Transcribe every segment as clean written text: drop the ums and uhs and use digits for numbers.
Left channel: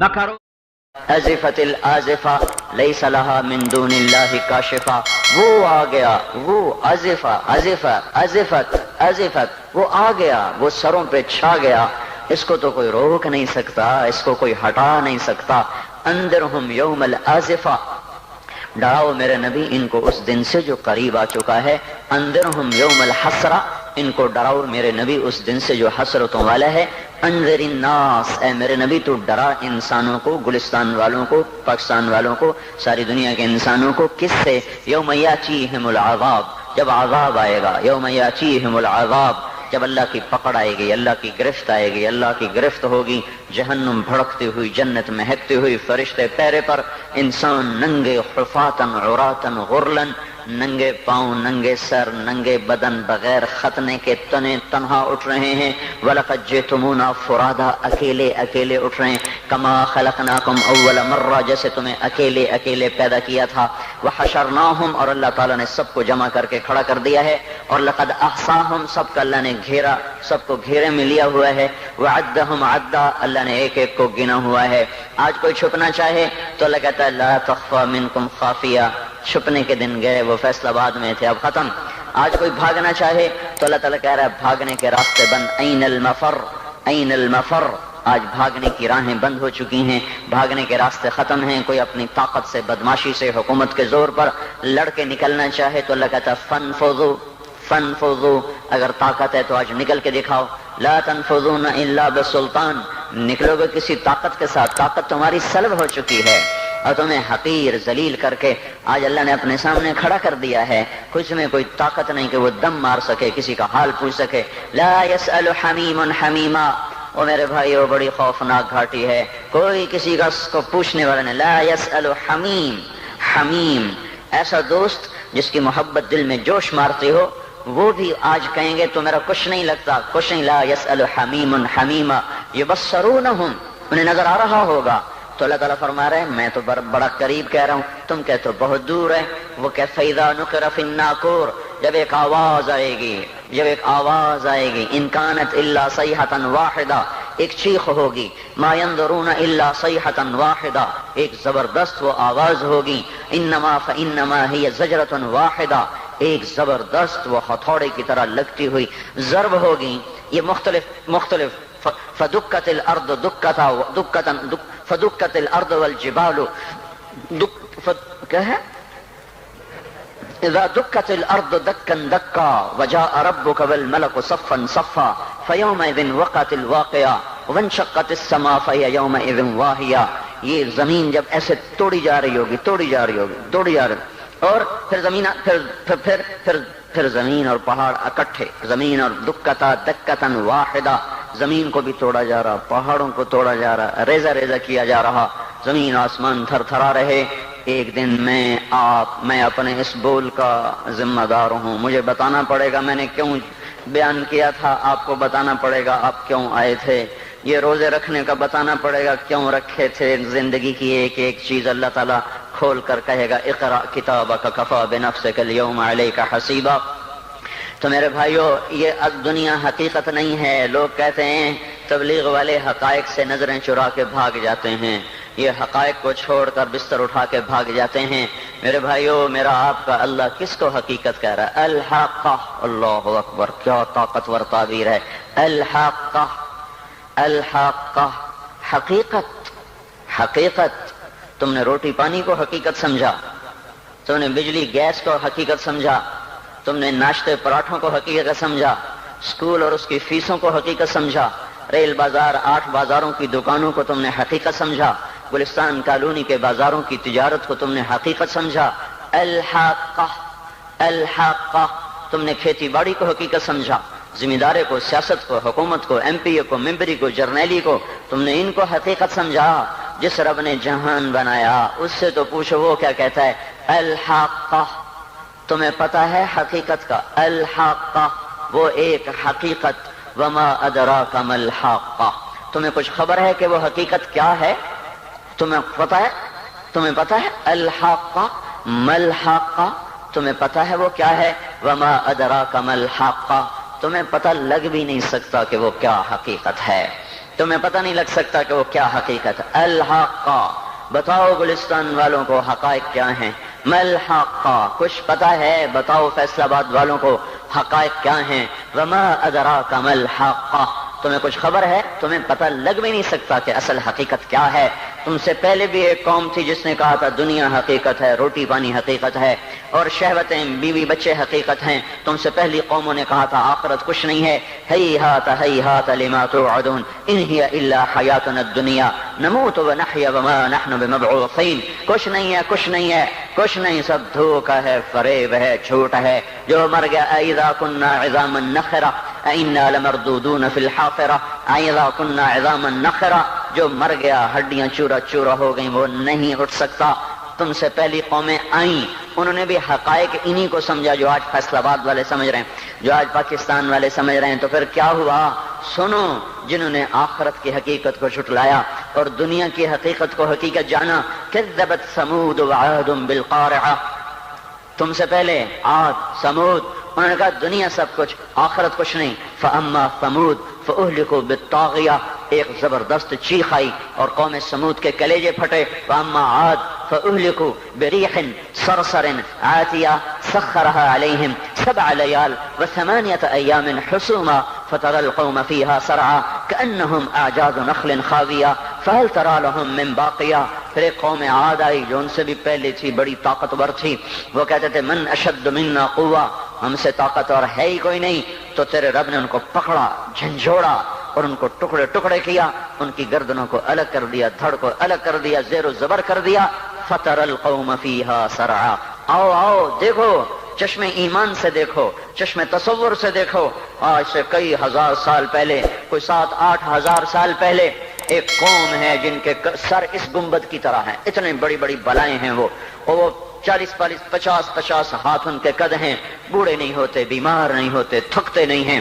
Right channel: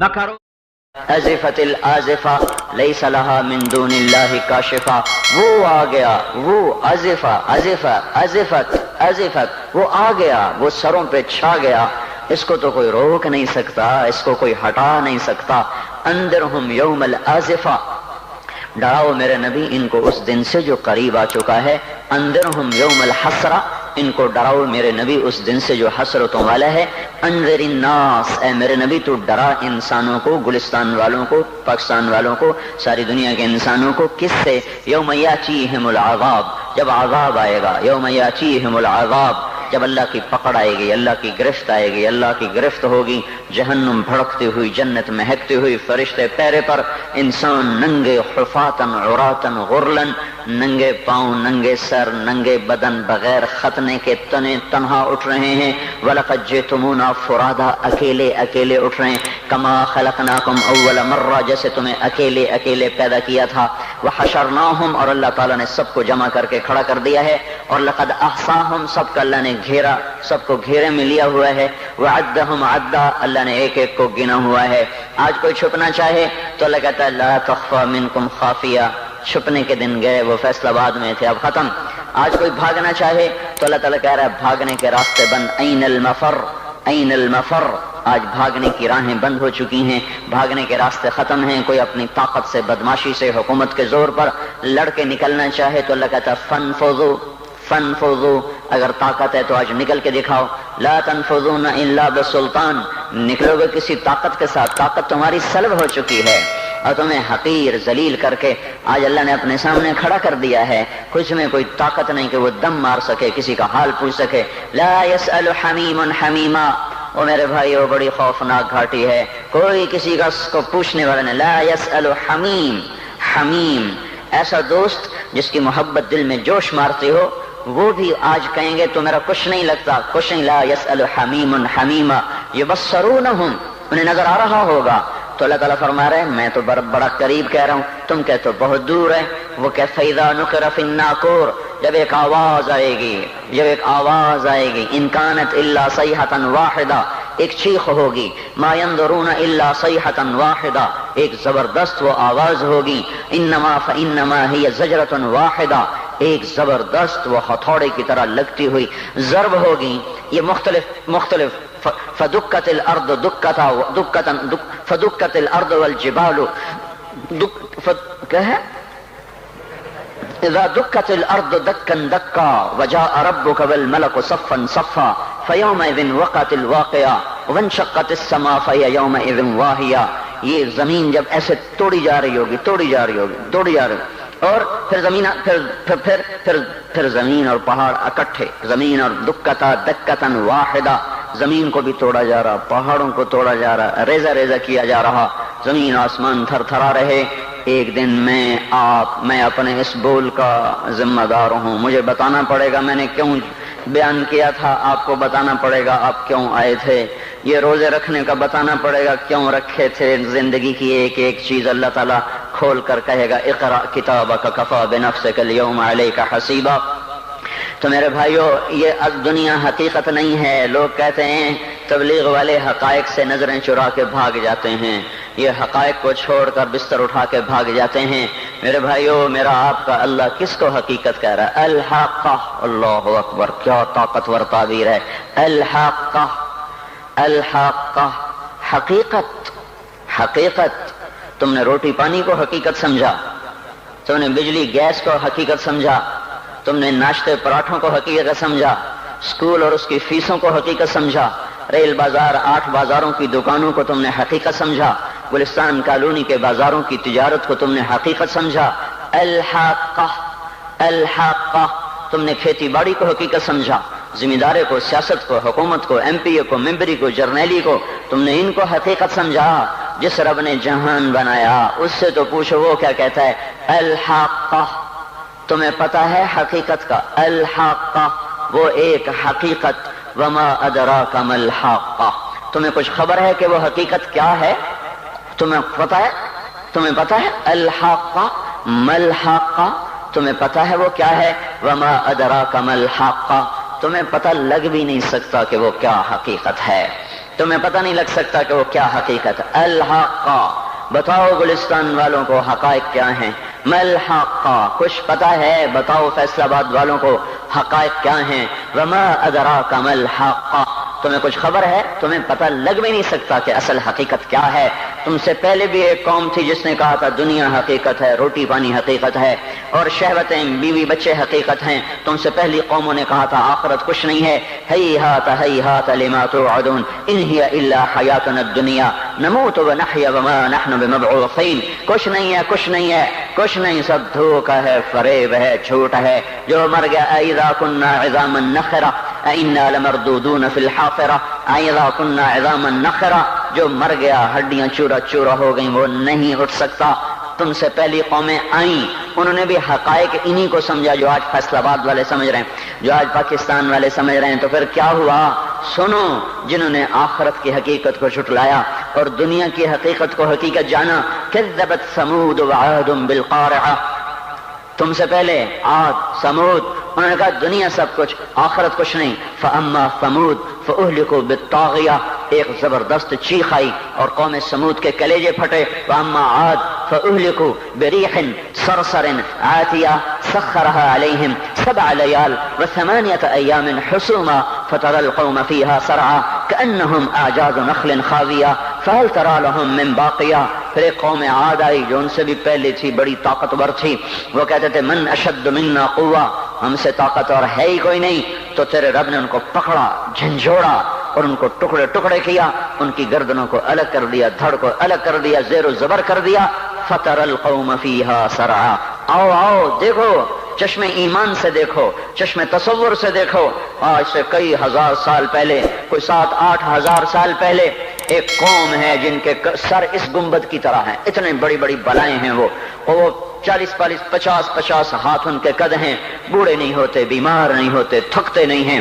نہ کرو. ازفت الازفہ لیس لہا من دون اللہ کاشفہ، وہ آ گیا، وہ ازفہ ازفہ ازفت ازفت، وہ آ گیا، وہ سروں پہ چھا گیا، اس کو تو کوئی روک نہیں سکتا، اس کو کوئی ہٹا نہیں سکتا. انذرہم یوم الازفہ، ڈراؤ میرے نبی ان کو اس دن سے جو قریب آ چکا ہے. انذرہم یوم الحسرہ، ان کو ڈراؤ میرے نبی اس دن سے جو حسرتوں والا ہے. انذر الناس، اے میرے نبی تو ڈرا انسانوں کو، گلستان والوں کو، پاکستان والوں کو، ساری دنیا کے انسانوں کو. کس سے؟ یوم یاتیہم العذاب، جب عذاب آئے گا. یوم یاتیہم العذاب، جب اللہ کی پکڑ آئے گی، اللہ کی گرفت آئے گی، اللہ کی گرفت ہوگی. جہنم بھڑکتی ہوئی، جنت مہکتی ہوئی، فرشتے پیرے پر، انسان ننگے حفاتن عراتن غرلن، ننگے پاؤں، ننگے سر، ننگے بدن، بغیر ختنے کے تنے تنہا اٹھ رہے ہیں. وَلَقَدْ جِئْتُمُونَا فُرَادَىٰ، اکیلے اکیلے اٹھ رہے ہیں. كَمَا خَلَقْنَاكُمْ أَوَّلَ مَرَّةٍ، جیسے تمہیں اکیلے اکیلے پیدا کیا تھا. وَحَشَرْنَاهُمْ، اور اللہ تعالیٰ نے سب کو جمع کر کے کھڑا کر دیا ہے. اور لَقَدْ أَحْصَاهُمْ، سب کا اللہ نے گھیرا، سب کو گھیرے میں لیا ہوا ہے. وَعَدَّهُمْ عَدًّا، اللہ نے ایک ایک کو گنا ہوا ہے. آج کوئی چھپنا چاہے تو اللہ کہتا ہے لَا تَخْفَىٰ مِنكُمْ خَافِيَةٌ، چھپنے کے دن گئے، وہ فیصلہ آباد میں تھے، اب ختم. آج کوئی بھاگنا چاہے تو اللہ تعالیٰ کہہ رہا ہے بھاگنے کے راستے بند. این المفر، این المفر، آج بھاگنے کی راہیں بند ہو چکی ہیں، بھاگنے کے راستے ختم ہیں. کوئی اپنی طاقت سے، بدماشی سے، حکومت کے زور پر لڑ کے نکلنا چاہے تو اللہ کہتا ہے فنفذوا فنفذوا، اگر طاقت ہے تو آج نکل کے دکھاؤ. لا تنفذون الا بسلطان، نکلو گے کسی طاقت کے ساتھ، طاقت تمہاری سلب ہو چکی ہے اور تمہیں حقیر ذلیل کر کے آج اللہ نے اپنے سامنے کھڑا کر دیا ہے. کچھ میں کوئی طاقت نہیں کہ وہ دم مار سکے، کسی کا حال پوچھ سکے. لا يسأل حمیم حمیما، وہ میرے بھائی وہ بڑی خوفناک گھاٹی ہے، کوئی کسی کا اس کو پوچھنے والا نہیں. لا يسأل حمیم، حمیم ایسا دوست جس کی محبت دل میں جوش مارتی ہو، وہ بھی آج کہیں گے تو میرا کچھ نہیں لگتا، کچھ نہیں. لا يسأل حمیم حمیما یبصرونہم، انہیں نظر آ رہا ہوگا. تو اللہ تعالیٰ فرما رہے ہیں میں تو بڑا قریب کہہ رہا ہوں، تم کہتے ہو بہت دور ہے. وہ کہ فَإِذَا نُقِرَ فِي النَّاقُورِ، جب ایک آواز آئے گی، جب ایک آواز آئے گی. إِن كَانَتْ إِلَّا صَيْحَةً وَاحِدَةً، ایک چیخ ہوگی. مَا يَنظُرُونَ إِلَّا صَيْحَةً وَاحِدَةً، ایک زبردست وہ آواز ہوگی. إِنَّمَا فَإِنَّمَا هِيَ زَجْرَةٌ وَاحِدَةٌ، ایک زبردست وہ ہتھوڑے کی طرح لگتی ہوئی ضرب ہوگی. یہ مختلف فدکت الارض فدکت الارض والجبال کیا ہے اذا دکت الارض دکا دکا وجاء ربك والملك صفا صفا فيومئذ وقعت الواقعة وانشقت السماء فهي يومئذ واهية. یہ زمین جب ایسے توڑی جا رہی ہوگی، توڑی جا رہی ہوگی، توڑی جا رہی، اور پھر زمین اور پہاڑ اکٹھے. زمین اور دکتا دکتن واحدہ، زمین کو بھی توڑا جا رہا، پہاڑوں کو توڑا جا رہا، ریزہ ریزہ کیا جا رہا، زمین آسمان تھر تھرا رہے. ایک دن میں اپنے اس بول کا ذمہ دار ہوں، مجھے بتانا پڑے گا میں نے کیوں بیان کیا تھا، آپ کو بتانا پڑے گا آپ کیوں آئے تھے. یہ روزے رکھنے کا بتانا پڑے گا کیوں رکھے تھے. زندگی کی ایک ایک چیز اللہ تعالیٰ کھول کر کہے گا اقرأ کتابک کفی بنفسک اليوم علیک حسیبا. تو میرے بھائیو یہ اب دنیا حقیقت نہیں ہے. لوگ کہتے ہیں تبلیغ والے حقائق سے نظریں چرا کے بھاگ جاتے ہیں، یہ حقائق کو چھوڑ کر بستر اٹھا کے بھاگ جاتے ہیں. میرے بھائیو میرا آپ کا اللہ کس کو حقیقت کہہ رہا ہے؟ الحاقہ. اللہ اکبر، کیا طاقتور تعبیر ہے. الحاقہ، الحاقہ، حقیقت. حقیقت، تم نے روٹی پانی کو حقیقت سمجھا، تم نے بجلی گیس کو حقیقت سمجھا، تم نے ناشتے پراٹھوں کو حقیقت سمجھا، اسکول اور اس کی فیسوں کو حقیقت سمجھا، ریل بازار 8 بازاروں کی دکانوں کو تم نے حقیقت سمجھا، گلستان کالونی کے بازاروں کی تجارت کو تم نے حقیقت سمجھا. الحاقہ، الحاقہ، تم نے کھیتی باڑی کو حقیقت سمجھا، ذمہ دارے کو، سیاست کو، حکومت کو، ایم پی اے کو، ممبری کو، جرنیلی کو، تم نے ان کو حقیقت سمجھا. جس رب نے جہان بنایا اس سے تو پوچھو وہ کیا کہتا ہے. الحاقہ، تمہیں پتا ہے حقیقت کا. الحاقہ، وہ ایک حقیقت. وما ادراک ما الحاقہ، تمہیں کچھ خبر ہے کہ وہ حقیقت کیا ہے؟ تمہیں پتا ہے؟ تمہیں پتا ہے الحاقہ ما الحاقہ؟ تمہیں پتا ہے وہ کیا ہے؟ وما ادراک ما الحاقہ، تمہیں پتہ لگ بھی نہیں سکتا کہ وہ کیا حقیقت ہے. تمہیں پتہ نہیں لگ سکتا کہ وہ کیا حقیقت ہے۔ الحق، بتاؤ گلستان والوں کو حقائق کیا ہیں۔ مل حق، کچھ پتہ ہے بتاؤ فیصل آباد والوں کو حقائق کیا ہیں۔ وما ادراک مل حق، تمہیں کچھ خبر ہے؟ تمہیں پتہ لگ بھی نہیں سکتا کہ اصل حقیقت کیا ہے۔ تم سے پہلے بھی ایک قوم تھی جس نے کہا تھا دنیا حقیقت ہے، روٹی پانی حقیقت ہے، اور شہوتیں بیوی بچے حقیقت ہیں۔ تم سے پہلی قوموں نے کہا تھا آخرت کچھ نہیں ہے۔ ہیہات لما توعدون ان ہی الا حیاتنا الدنیا نموت ونحیا وما نحن بمبعوثین، کچھ نہیں ہے، کچھ نہیں ہے، کچھ نہیں، سب دھوکہ ہے، فریب ہے، جھوٹ ہے۔ جو مر گیا اذا كنا عظاما نخرہ انا لمردودون فی الحافرہ، اذا كنا عظاما نخرہ، جو مر گیا ہڈیاں چورا چورا ہو گئیں وہ نہیں اٹھ سکتا۔ تم سے پہلی قومیں آئیں، انہوں نے بھی حقائق انہی کو سمجھا جو آج فیصل آباد والے سمجھ رہے ہیں، جو آج پاکستان والے سمجھ رہے ہیں۔ تو پھر کیا ہوا؟ سنو، جنہوں نے آخرت کی حقیقت کو جھٹلایا اور دنیا کی حقیقت کو حقیقت جانا، کذبت ثمود وعاد بالقارعہ، تم سے پہلے عاد ثمود، انہوں نے کہا دنیا سب کچھ، آخرت کچھ نہیں۔ فاما ثمود فاہلکوا بالطاغیہ، ایک زبردست چیخ آئی اور قوم ثمود کے کلیجے پھٹے۔ واما عاد فاہلکوا بریح صرصر عاتیہ سخرها علیہم 7 لیال و8 ایام حسوما فترى القوم فيها سرعا كأنهم اعجاز نخل خاویہ فهل ترى لهم من باقیہ۔ پھر ایک قوم عاد آئی جو ان سے بھی پہلے تھی، بڑی طاقتور تھی، وہ کہتے تھے من اشد منا قوہ، ہم سے طاقتور ہے ہی کوئی نہیں۔ تو تیرے رب نے ان کو پکڑا، جھنجھوڑا اور ان کو ٹکڑے ٹکڑے کیا، ان کی گردنوں کو الگ کر دیا، دھڑ کو الگ کر دیا، زیر و زبر کر دیا۔ فَتَرَ الْقَوْمَ فِيهَا سَرْعًا، آؤ آؤ دیکھو، چشم ایمان سے دیکھو، چشم تصور سے دیکھو۔ آج سے کئی ہزار سال پہلے، کوئی 7-8 ہزار سال پہلے ایک قوم ہے جن کے سر اس گنبد کی طرح ہیں، اتنے بڑی بڑی بلائیں ہیں وہ 40-50 ہاتھ ان کے قد ہیں، بوڑھے نہیں ہوتے، بیمار نہیں ہوتے، تھکتے نہیں ہیں،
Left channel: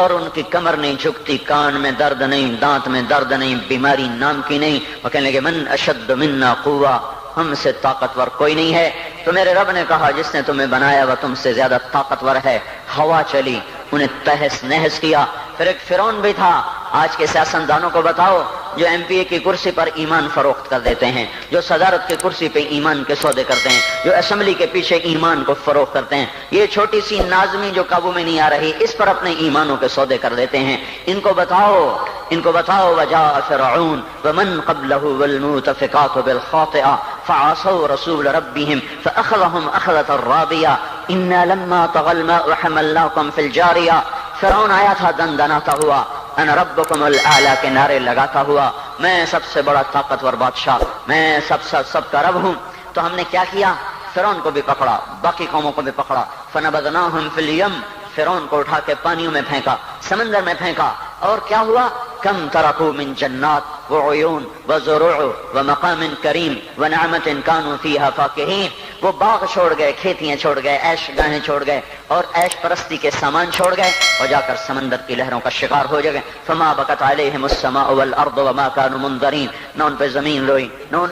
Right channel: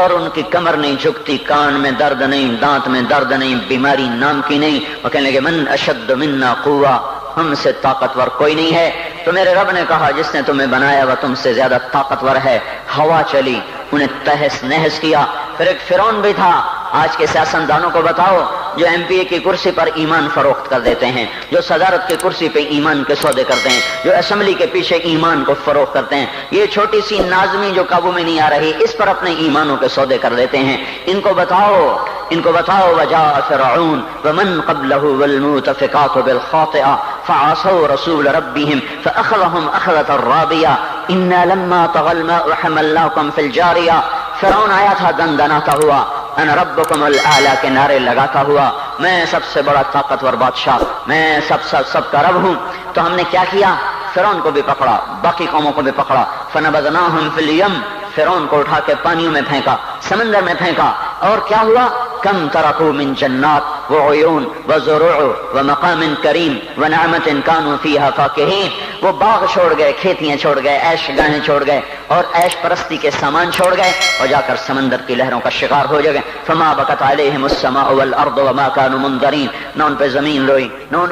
اور ان کی کمر نہیں جھکتی، کان میں درد نہیں، دانت میں درد نہیں، بیماری نام کی نہیں۔ وہ کہنے لگے من اشد منا قوہ، ہم سے طاقتور کوئی نہیں ہے۔ تو میرے رب نے کہا جس نے تمہیں بنایا وہ تم سے زیادہ طاقتور ہے۔ ہوا چلی، انہیں تہس نہس کیا۔ پھر ایک فرعون بھی تھا۔ آج کے سیاستدانوں کو بتاؤ جو ایم پی اے کی کرسی پر ایمان فروخت کر دیتے ہیں، جو صدارت کی کرسی پہ ایمان کے سودے کرتے ہیں، جو اسمبلی کے پیچھے ایمان کو فروخت کرتے ہیں، یہ چھوٹی سی نازمی جو قابو میں نہیں آ رہی، اس پر اپنے ایمانوں کے سودے کر دیتے ہیں۔ ان کو بتاؤ وجاء فرعون ومن قبله والمؤتفقات بالخاطئة فعصوا رسول ربهم فأخذهم أخذة رابية إنا لما طغى الماء حملناكم في الجارية۔ فرعون آیا تھا دندناتا ہوا، انا ربکم الاعلی کے نعرے لگاتا ہوا، میں سب سے بڑا طاقتور بادشاہ، میں سب کا رب ہوں۔ تو ہم نے کیا کیا؟ فرعون کو بھی پکڑا، باقی قوموں کو بھی پکڑا۔ فنبذناہم فی الیم، فرعون کو اٹھا کے پانیوں میں پھینکا، سمندر میں پھینکا، اور کیا ہوا؟ کم ترکوا من جنات وعیون وزروع ومقام کریم ونعمت کانوا فیہا فاکہین، وہ باغ چھوڑ گئے، کھیتیاں چھوڑ گئے، عیش گاہیں چھوڑ گئے اور عیش پرستی کے سامان چھوڑ گئے، اور جا کر سمندر کی لہروں کا شکار ہو گئے۔ فما بکت علیہم السماء والارض وما کانوا منظرین، نہ ان پہ زمین روئی، نہ ان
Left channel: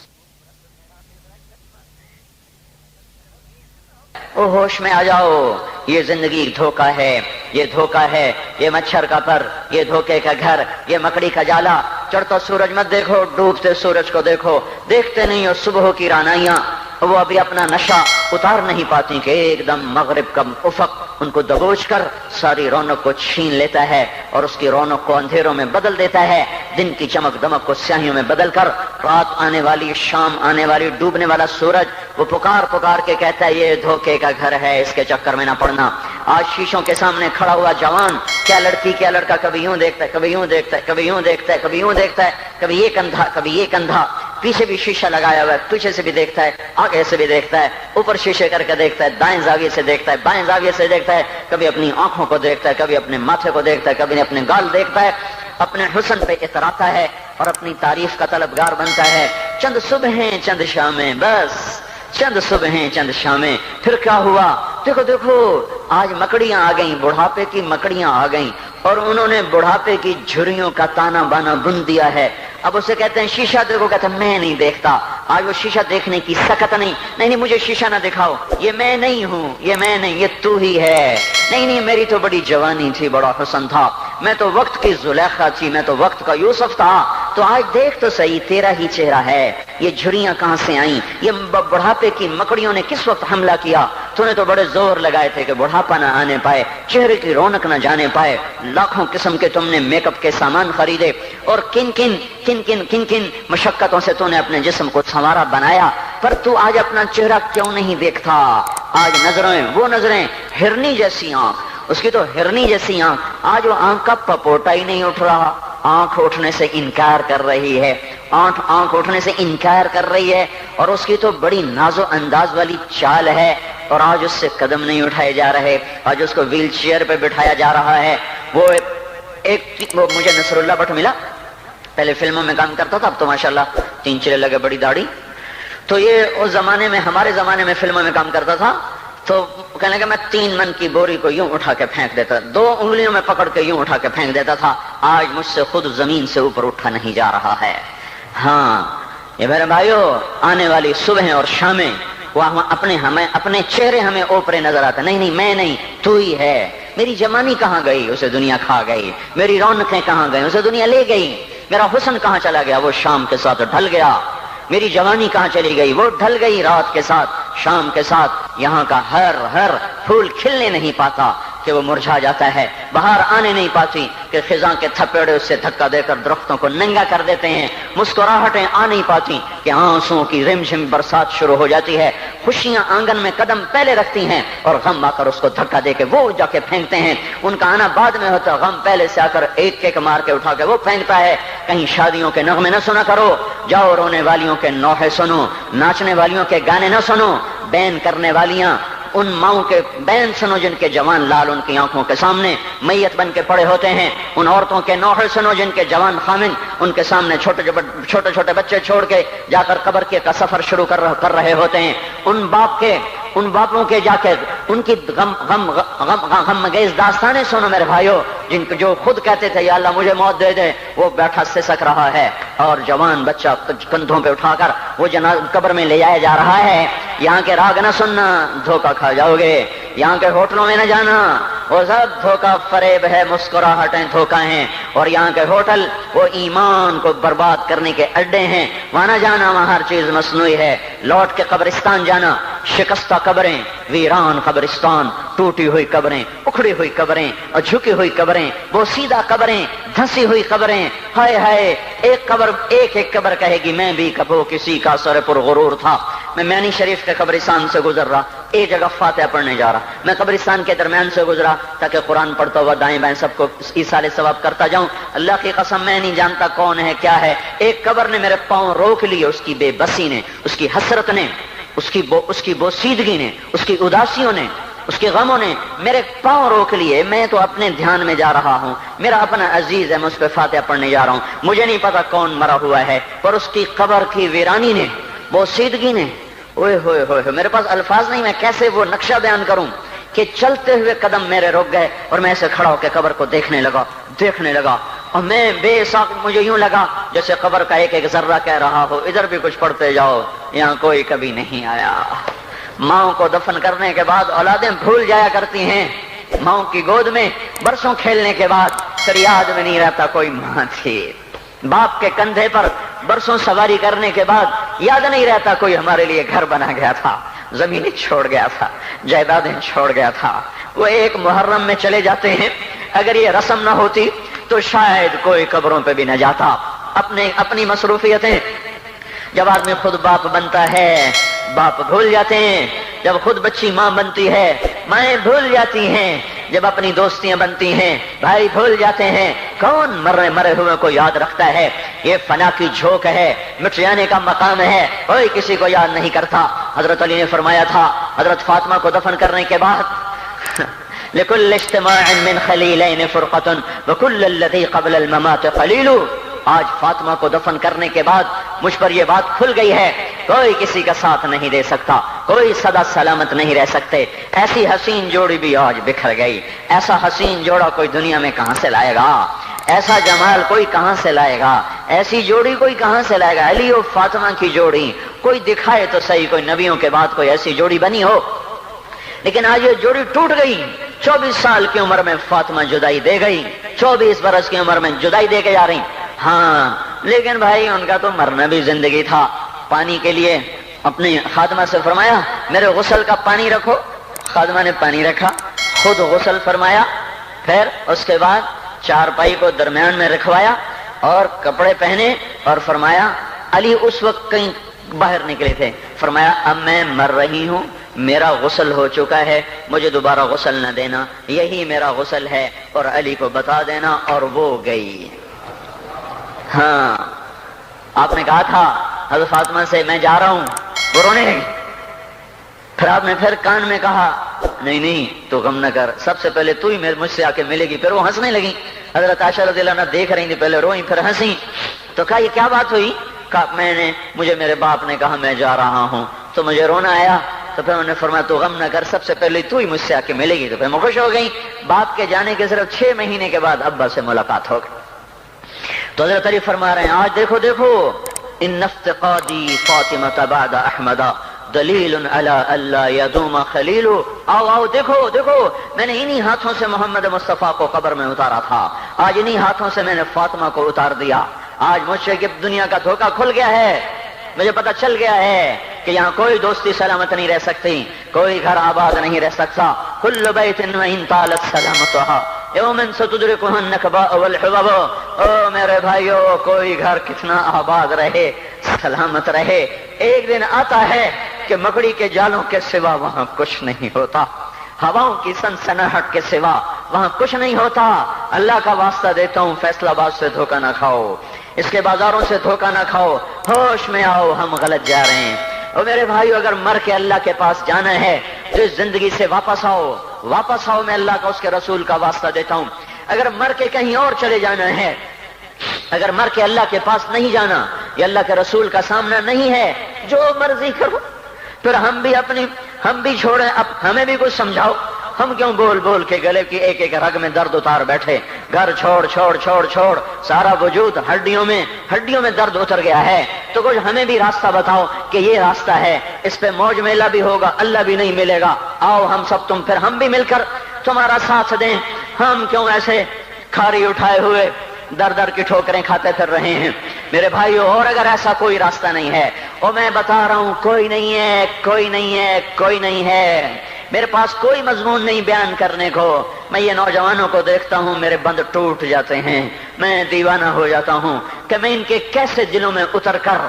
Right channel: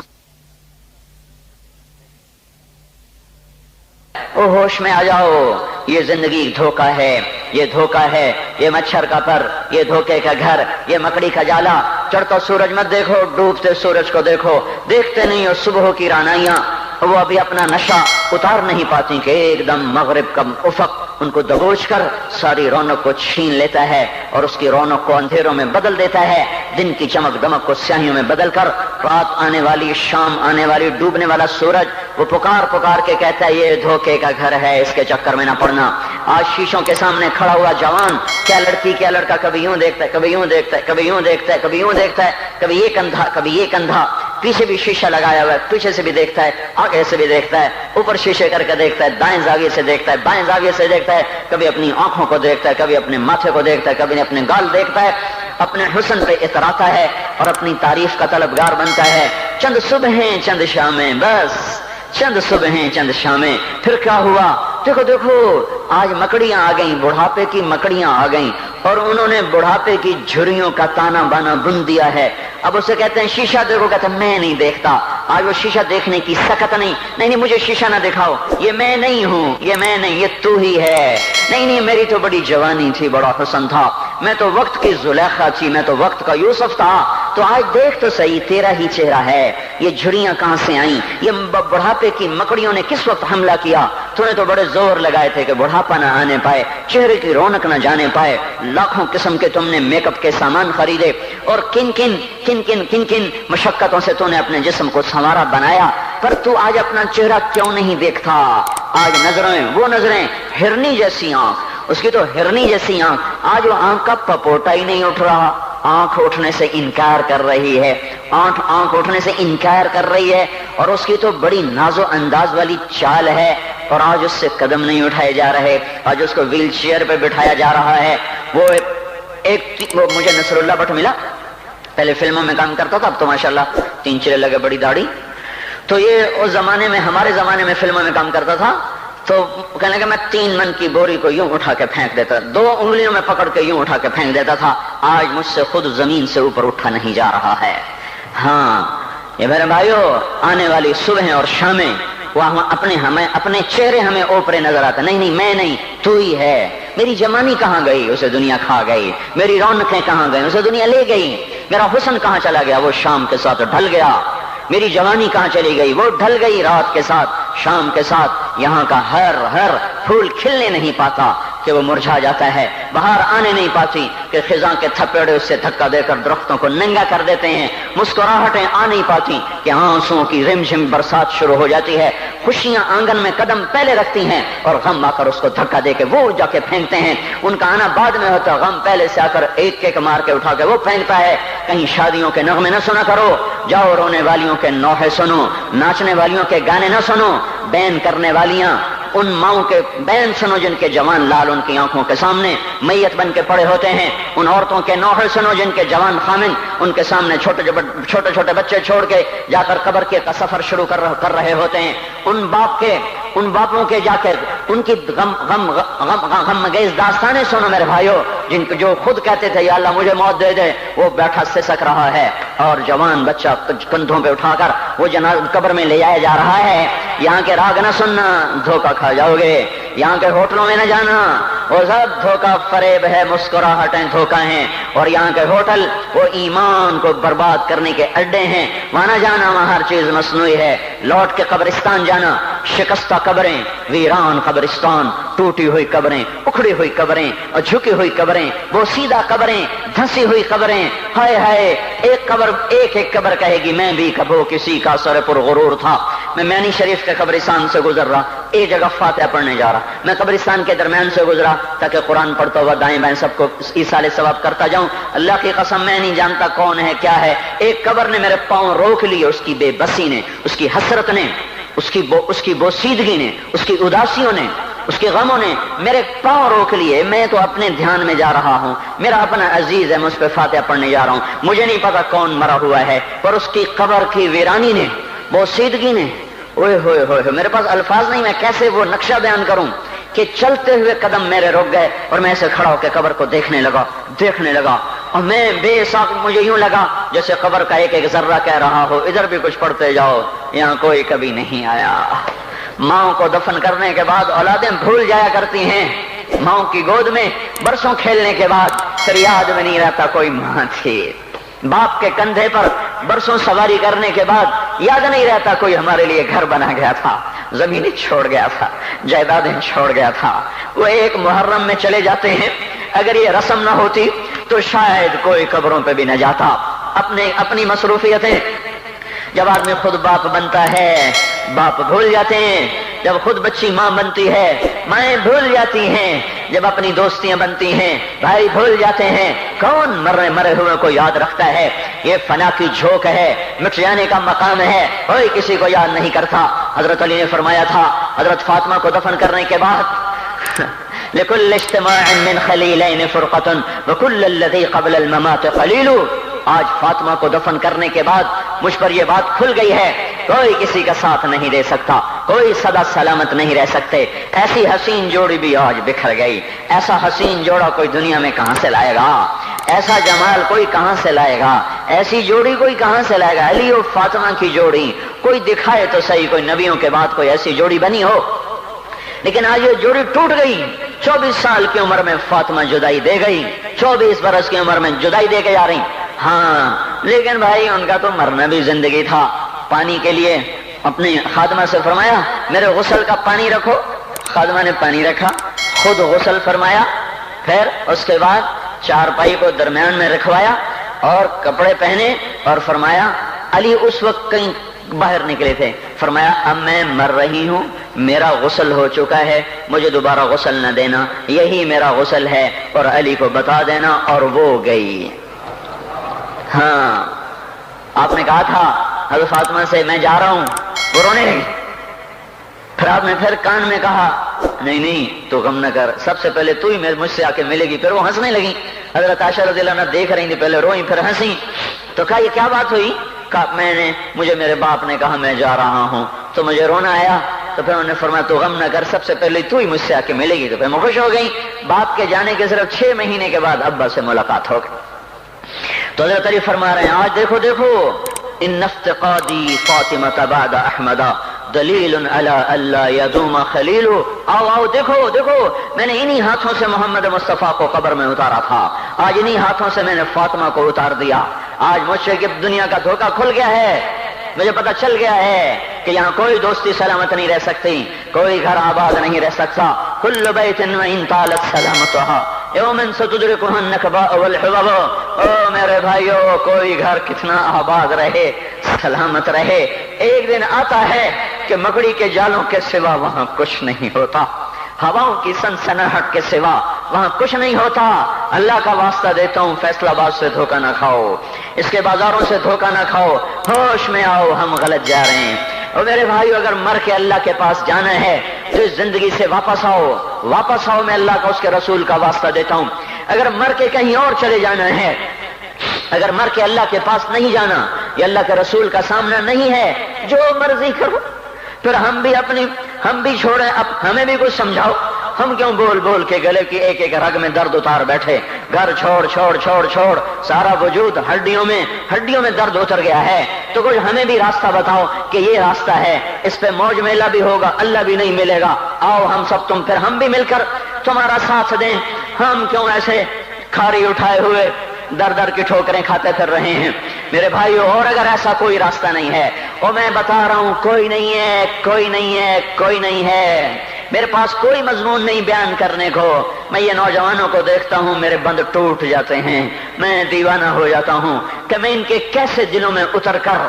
او ہوش میں آ جاؤ، یہ زندگی دھوکہ ہے، یہ دھوکہ ہے، یہ مچھر کا پر، یہ دھوکے کا گھر، یہ مکڑی کا جالا۔ چڑھتا سورج مت دیکھو، ڈوبتے سورج کو دیکھو، دیکھتے نہیں اور صبح کی رانائیاں وہ ابھی اپنا نشہ اتار نہیں پاتی کہ ایک دم مغرب کا افق ان کو دبوچ کر ساری رونق کو چھین لیتا ہے اور اس کی رونق کو اندھیروں میں بدل دیتا ہے، دن کی چمک دمک کو سیاہیوں میں بدل کر رات آنے والی، شام آنے والی، ڈوبنے والا سورج وہ پکار پکار کے کہتا ہے یہ دھوکے کا گھر ہے، اس کے چکر میں نہ پڑنا۔ آج شیشوں کے سامنے کھڑا ہوا جوان، کیا لڑکی کیا لڑکا کبھی یوں دیکھتا ہے، کبھی یوں دیکھتا ہے، کبھی یوں دیکھتا ہے، کبھی یوں دیکھتا ہے، کبھی یہ کندھا کبھی یہ کندھا، پیچھے بھی شیشہ لگایا ہوا ہے، پیچھے سے بھی دیکھتا ہے، آگے سے بھی دیکھتا ہے، اوپر شیشے کر کے دیکھتا ہے، دائیں زاویے سے دیکھتا ہے، بائیں زاویے سے دیکھتا ہے، کبھی اپنی آنکھوں کو دیکھتا ہے، کبھی اپنے ماتھے کو دیکھتا ہے، کبھی اپنے گال دیکھتا ہے، اپنے حسن پہ اتراتا ہے اور اپنی تعریف کا طلبگار بنتا ہے۔ چند صبحیں چند شامیں، بس چند صبحیں چند شامیں، پھر کیا ہوا؟ دیکھو دیکھو آج مکڑیاں آ گئیں، بڑھاپے کی مکڑیاں آ گئیں اور انہوں نے بڑھاپے کی جھریوں کا تانا بانا بن دیا ہے۔ اب اسے کہتے ہیں شیشہ دیکھو، کہتا میں نہیں دیکھتا۔ آج وہ شیشہ دیکھنے کی سخت نہیں مجھے شیشہ نہ دکھاؤ، یہ میں نہیں ہوں، یہ میں نہیں، یہ تو ہی ہے، نہیں میری تو بڑی جوانی تھی، بڑا حسن تھا، میں تو وقت کی زلیخا تھی، میں تو وقت کا یوسف تھا، تو آج دیکھ تو صحیح تیرا ہی چہرہ ہے، یہ جھریاں کہاں سے آئیں، یہ بڑھاپے کی مکڑیوں نے کس وقت حملہ کیا، تو نے تو بڑے زور لگائے تھے کہ بڑھاپا نہ آنے پائے، چہرے کی رونق نہ جانے پائے، لاکھوں قسم کے تم نے میک اپ کے سامان خریدے، اور کن کن مشقتوں سے تو نے اپنے جسم کو سنوارا بنایا، پر تو آج اپنا چہرہ کیوں نہیں دیکھتا؟ آج نظریں وہ نظریں، ہرنی جیسی آنکھ، اس کی تو ہرنی جیسی آنکھ، آج وہ آنکھ کا پپوٹا ہی نہیں اٹھ رہا، آنکھ اٹھنے سے انکار کر رہی ہے، آنکھ اٹھنے سے انکار کر رہی ہے، اور اس کی تو بڑی ناز و انداز والی چال ہے، اور آج اس سے قدم نہیں اٹھائے جا رہے، آج اس کو ویل چیئر پہ بٹھایا جا رہا ہے۔ وہ مجھے نصر اللہ بٹ ملا، پہلے فلموں میں کام کرتا تھا، اب تو ماشاءاللہ 3 چیرے لگے، بڑی داڑھی، تو یہ اس زمانے میں، ہمارے زمانے میں فلموں میں کام کرتا تھا، تو کہنے لگا میں 3 من کی بوری کو یوں اٹھا کے پھینک دیتا، 2 انگلیوں میں پکڑ کے یوں اٹھا کے پھینک دیتا تھا، آج مجھ سے خود زمین سے اوپر اٹھا نہیں جا رہا ہے۔ ہاں یہ میرے بھائیو، آنے والی صبح اور شامیں وہ اپنے چہرے ہمیں اوپرے نظر آتے، نہیں میں نہیں، تو ہی ہے۔ میری جوانی کہاں گئی؟ اسے دنیا کھا گئی۔ میری رونقیں کہاں گئی؟ اسے دنیا لے گئی۔ میرا حسن کہاں چلا گیا؟ وہ شام کے ساتھ ڈھل گیا۔ میری جوانی کہاں چلی گئی؟ وہ ڈھل گئی رات کے ساتھ، شام کے ساتھ۔ یہاں کا ہر پھول کھلنے نہیں پاتا کہ وہ مرجھا جاتا ہے، بہار آنے نہیں پاتی کہ خزاں کے تھپیڑے سے دھکا دے کر درختوں کو ننگا کر دیتے ہیں، مسکراہٹیں آ نہیں پاتی کہ آنسوؤں کی رم جھم برسات شروع ہو جاتی ہے، خوشیاں آنگن میں قدم پہلے رکھتی ہیں اور غم آ کر اس کو دھکا دے کے وہ جا کے پھینکتے ہیں۔ ان کا آنا بعد میں ہوتا ہے، غم پہلے سے آ کر ایک مار کے اٹھا کے وہ پھینکتا ہے۔ کہیں شادیوں کے نغمے نہ سنا کرو، جاؤ رونے والیوں کے نوحے سنو، ناچنے والیوں کے گانے نہ سنو، بین کرنے والیاں ان ماؤں کے بین سنو جن کے جوان لال ان کی آنکھوں کے سامنے میت بن کے پڑے ہوتے ہیں، ان عورتوں کے نوحے سنو جن کے جوان خامن ان کے سامنے چھوٹے بچے چھوڑ کے جا کر قبر کے کا سفر شروع کر رہے ہوتے ہیں، ان باپوں کے جا کے ان کی غم گیز داستانیں سنو میرے بھائیو، جو خود کہتے تھے یا اللہ مجھے موت دے دے، وہ بیٹھا سسک رہا ہے اور جوان بچہ کندھوں پہ اٹھا کر وہ قبر میں لے جایا جا رہا ہے۔ یہاں کے راگ نہ سننا، دھوکہ کھا جاؤ گے، یہاں کے ہوٹلوں میں نہ جانا، وہ سب دھوکہ فریب ہے، مسکراہٹیں دھوکہ ہیں، اور یہاں کے ہوٹل وہ ایمان کو برباد کرنے کے اڈے ہیں، وہاں نہ جانا، وہاں ہر چیز مصنوعی ہے۔ لوٹ کے قبرستان جانا، شکستہ قبریں، ویران قبرستان، ٹوٹی ہوئی قبریں، اکھڑی ہوئی قبریں اور جھکی ہوئی قبریں، وہ سیدھا قبریں، دھسی ہوئی قبریں، ہائے ہائے، ایک قبر کہے گی میں بھی کبھو کسی کا سر پر غرور تھا۔ میں میانی شریف کے قبرستان سے گزر رہا، ایک جگہ فاتحہ پڑھنے جا رہا، میں قبرستان کے درمیان سے گزرا تاکہ قرآن پڑھتا ہوا دائیں بائیں سب کو ایصال ثواب کرتا جاؤں۔ اللہ کی قسم میں نہیں جانتا کون ہے کیا ہے، ایک قبر نے میرے پاؤں روک لیے، اس کی بے بسی نے، اس کی حسرت نے، اس کی بوسیدگی نے، اس کی اداسیوں نے، اس کے غموں نے میرے پاؤں روک لیے۔ میں تو اپنے دھیان میں جا رہا ہوں، میرا اپنا عزیز ہے، میں اس پہ فاتحہ پڑھنے جا رہا ہوں، مجھے نہیں پتا کون مرا ہوا ہے، پر اس کی قبر کی ویرانی نے، بوسیدگی نے، اوئے ہوئے ہوئے، میرے پاس الفاظ نہیں، میں کیسے وہ نقشہ بیان کروں کہ چلتے ہوئے قدم میرے رک گئے اور میں ایسے کھڑا ہو کے قبر کو دیکھنے لگا اور میں بے ساکھ، مجھے یوں لگا جیسے قبر کا ایک ذرہ کہہ رہا ہو ادھر بھی کچھ پڑھتے جاؤ، یہاں کوئی کبھی نہیں آیا۔ ماؤں کو دفن کرنے کے بعد اولادیں بھول جایا کرتی ہیں، ماؤں کی گود میں برسوں کھیلنے کے بعد پھر یاد میں نہیں رہتا کوئی ماں تھی، باپ کے کندھے پر برسوں سواری کرنے کے بعد یاد نہیں رہتا کوئی ہمارے لیے گھر بنا گیا تھا، زمینیں چھوڑ گیا تھا، جائیدادیں چھوڑ گیا تھا۔ وہ ایک محرم میں چلے جاتے ہیں، اگر یہ رسم نہ ہوتی تو شاید کوئی قبروں پہ بھی نہ جاتا۔ اپنی مصروفیتیں، جب آدمی خود باپ بنتا ہے باپ بھول جاتے ہیں، جب خود بچی ماں بنتی ہے مائیں بھول جاتی ہیں، جب اپنی دوستیاں بنتی ہیں بھائی بھول جاتے ہیں، کون مرے ہوئے کو یاد رکھتا ہے؟ یہ فنا کی جھوک ہے، مٹ جانے کا مقام ہے، کوئی کسی کو یاد نہیں کرتا۔ حضرت علی نے فرمایا تھا حضرت فاطمہ کو دفن کرنے کے بعد لكل اجتماع من خلیلین فرقۃ وكل الذی قبل الممات خلیل۔ آج فاطمہ کو دفن کرنے کے بعد مجھ پر یہ بات کھل گئی ہے، کوئی کسی کا ساتھ نہیں دے سکتا، کوئی سدا سلامت نہیں رہ سکتے۔ ایسی حسین جوڑی بھی آج بکھر گئی، ایسا حسین جوڑا کوئی دنیا میں کہاں سے لائے گا، ایسا جمال کوئی کہاں سے لائے گا، ایسی جوڑی کوئی کہاں سے لائے گا؟ علی و فاطمہ کی جوڑی کوئی دکھائے تو صحیح، کوئی نبیوں کے بعد کوئی ایسی جوڑی بنی ہو، لیکن آج یہ جوڑی ٹوٹ گئی، 24 سال کی عمر میں فاطمہ جدائی دے گئی، 24 برس کی عمر میں جدائی دے کے جا رہی. ہاں لیکن بھائی ان کا تو مرنا بھی زندگی تھا. پانی کے لیے اپنی خادمہ سے فرمایا میرے غسل کا پانی رکھو. خادمہ نے پانی رکھا، خود غسل فرمایا، پھر اس کے بعد چارپائی کو درمیان میں رکھوایا اور کپڑے پہنے اور فرمایا علی اس وقت کہیں باہر نکلے تھے، فرمایا اب میں مر رہی ہوں، میرا غسل ہو چکا ہے، مجھے دوبارہ غسل نہ دینا، یہی میرا غسل ہے اور علی کو بتا دینا. اور وہ گئی. ہاں آپ نے کہا تھا حضرت فاطمہ سے میں جا رہا ہوں، وہ رونے لگی. پھر آپ نے پھر کان میں کہا نہیں تو غم نہ کر، سب سے پہلے تو ہی مجھ سے آ کے ملے گی. پھر وہ ہنسنے لگی. حضرت عائشہ رضی اللہ عنہا دیکھ رہی تھی، پہلے روئی پھر ہنسی. تو کہا یہ کیا بات ہوئی؟ کہا مجھے میرے باپ نے کہا میں جا رہا ہوں تو مجھے رونا آیا. تو پھر انہوں نے فرمایا تو غم نہ کر، سب سے پہلے تو ہی مجھ سے آ کے ملے گی. تو پھر میں خوش ہو گئی. باپ کے جانے کے صرف 6 مہینے کے بعد ابا سے ملاقات ہو گئی. تو حضرت علی فرما رہے ہیں آج دیکھو ان افتقادی فاطمہ بعد احمد دلیل علی اللہ یدوم خلیل. آؤ دیکھو میں نے انہی ہاتھوں سے محمد مصطفیٰ کو قبر میں اتارا تھا، آج انہی ہاتھوں سے میں نے فاطمہ کو اتار دیا. آج مجھ سے دنیا کا دھوکہ کھل گیا ہے، مجھے پتا چل گیا ہے کہ یہاں کوئی دوستی سلامت نہیں رہ سکتی، کوئی گھر آباد نہیں رہ سکتا. کل بیت وان طالت سلامتها یوم ستدرکہ النکباء والحبب. او میرے بھائیو، کوئی گھر کتنا آباد رہے، سلامت رہے، ایک دن آتا ہے کہ مکڑی کے جالوں کے سوا وہاں کچھ نہیں ہوتا، ہواؤں کی سنسناہٹ کے سوا وہاں کچھ نہیں ہوتا. اللہ کا واسطہ دیتا ہوں فیصلہ آباد سے دھوکہ نہ کھاؤ، اس کے بازاروں سے دھوکہ نہ کھاؤ، ہوش میں آؤ، ہم غلط جا رہے ہیں. اور میرے بھائیو اگر مر کے اللہ کے پاس جانا ہے تو اس زندگی سے واپس آؤ، میں اللہ کا اس کے رسول کا واسطہ دیتا ہوں. اگر مر کے کہیں اور چلے جانا ہے، اگر مر کے اللہ کے پاس نہیں جانا، یہ اللہ کے رسول کا سامنا نہیں ہے، جو مرضی کرو. پھر ہم بھی چھوڑیں، اب ہمیں بھی کچھ سمجھاؤ. ہم کیوں بول کے گلے کی ایک رگ میں درد اتار بیٹھے؟ گھر چھوڑ سارا وجود ہڈیوں میں درد اتر گیا ہے. تو کچھ ہمیں بھی راستہ بتاؤ کہ یہ راستہ ہے، اس پہ موج میلہ بھی ہوگا، اللہ بھی نہیں ملے گا. آؤ ہم سب پھر ہم بھی مل کر تمہارا ساتھ دیں. ہم کیوں ایسے کھاری اٹھائے ہوئے در کی ٹھوکریں کھاتے پھر رہے ہیں میرے بھائیو؟ اور اگر ایسا کوئی راستہ نہیں ہے، اور میں بتا رہا ہوں کوئی نہیں ہے، میرے پاس کوئی مضمون نہیں بیان کرنے کو. میں یہ نوجوانوں کو دیکھتا ہوں، میرے بند ٹوٹ جاتے ہیں، میں دیوانہ ہو جاتا ہوں کہ میں ان کے کیسے دلوں میں اتر کر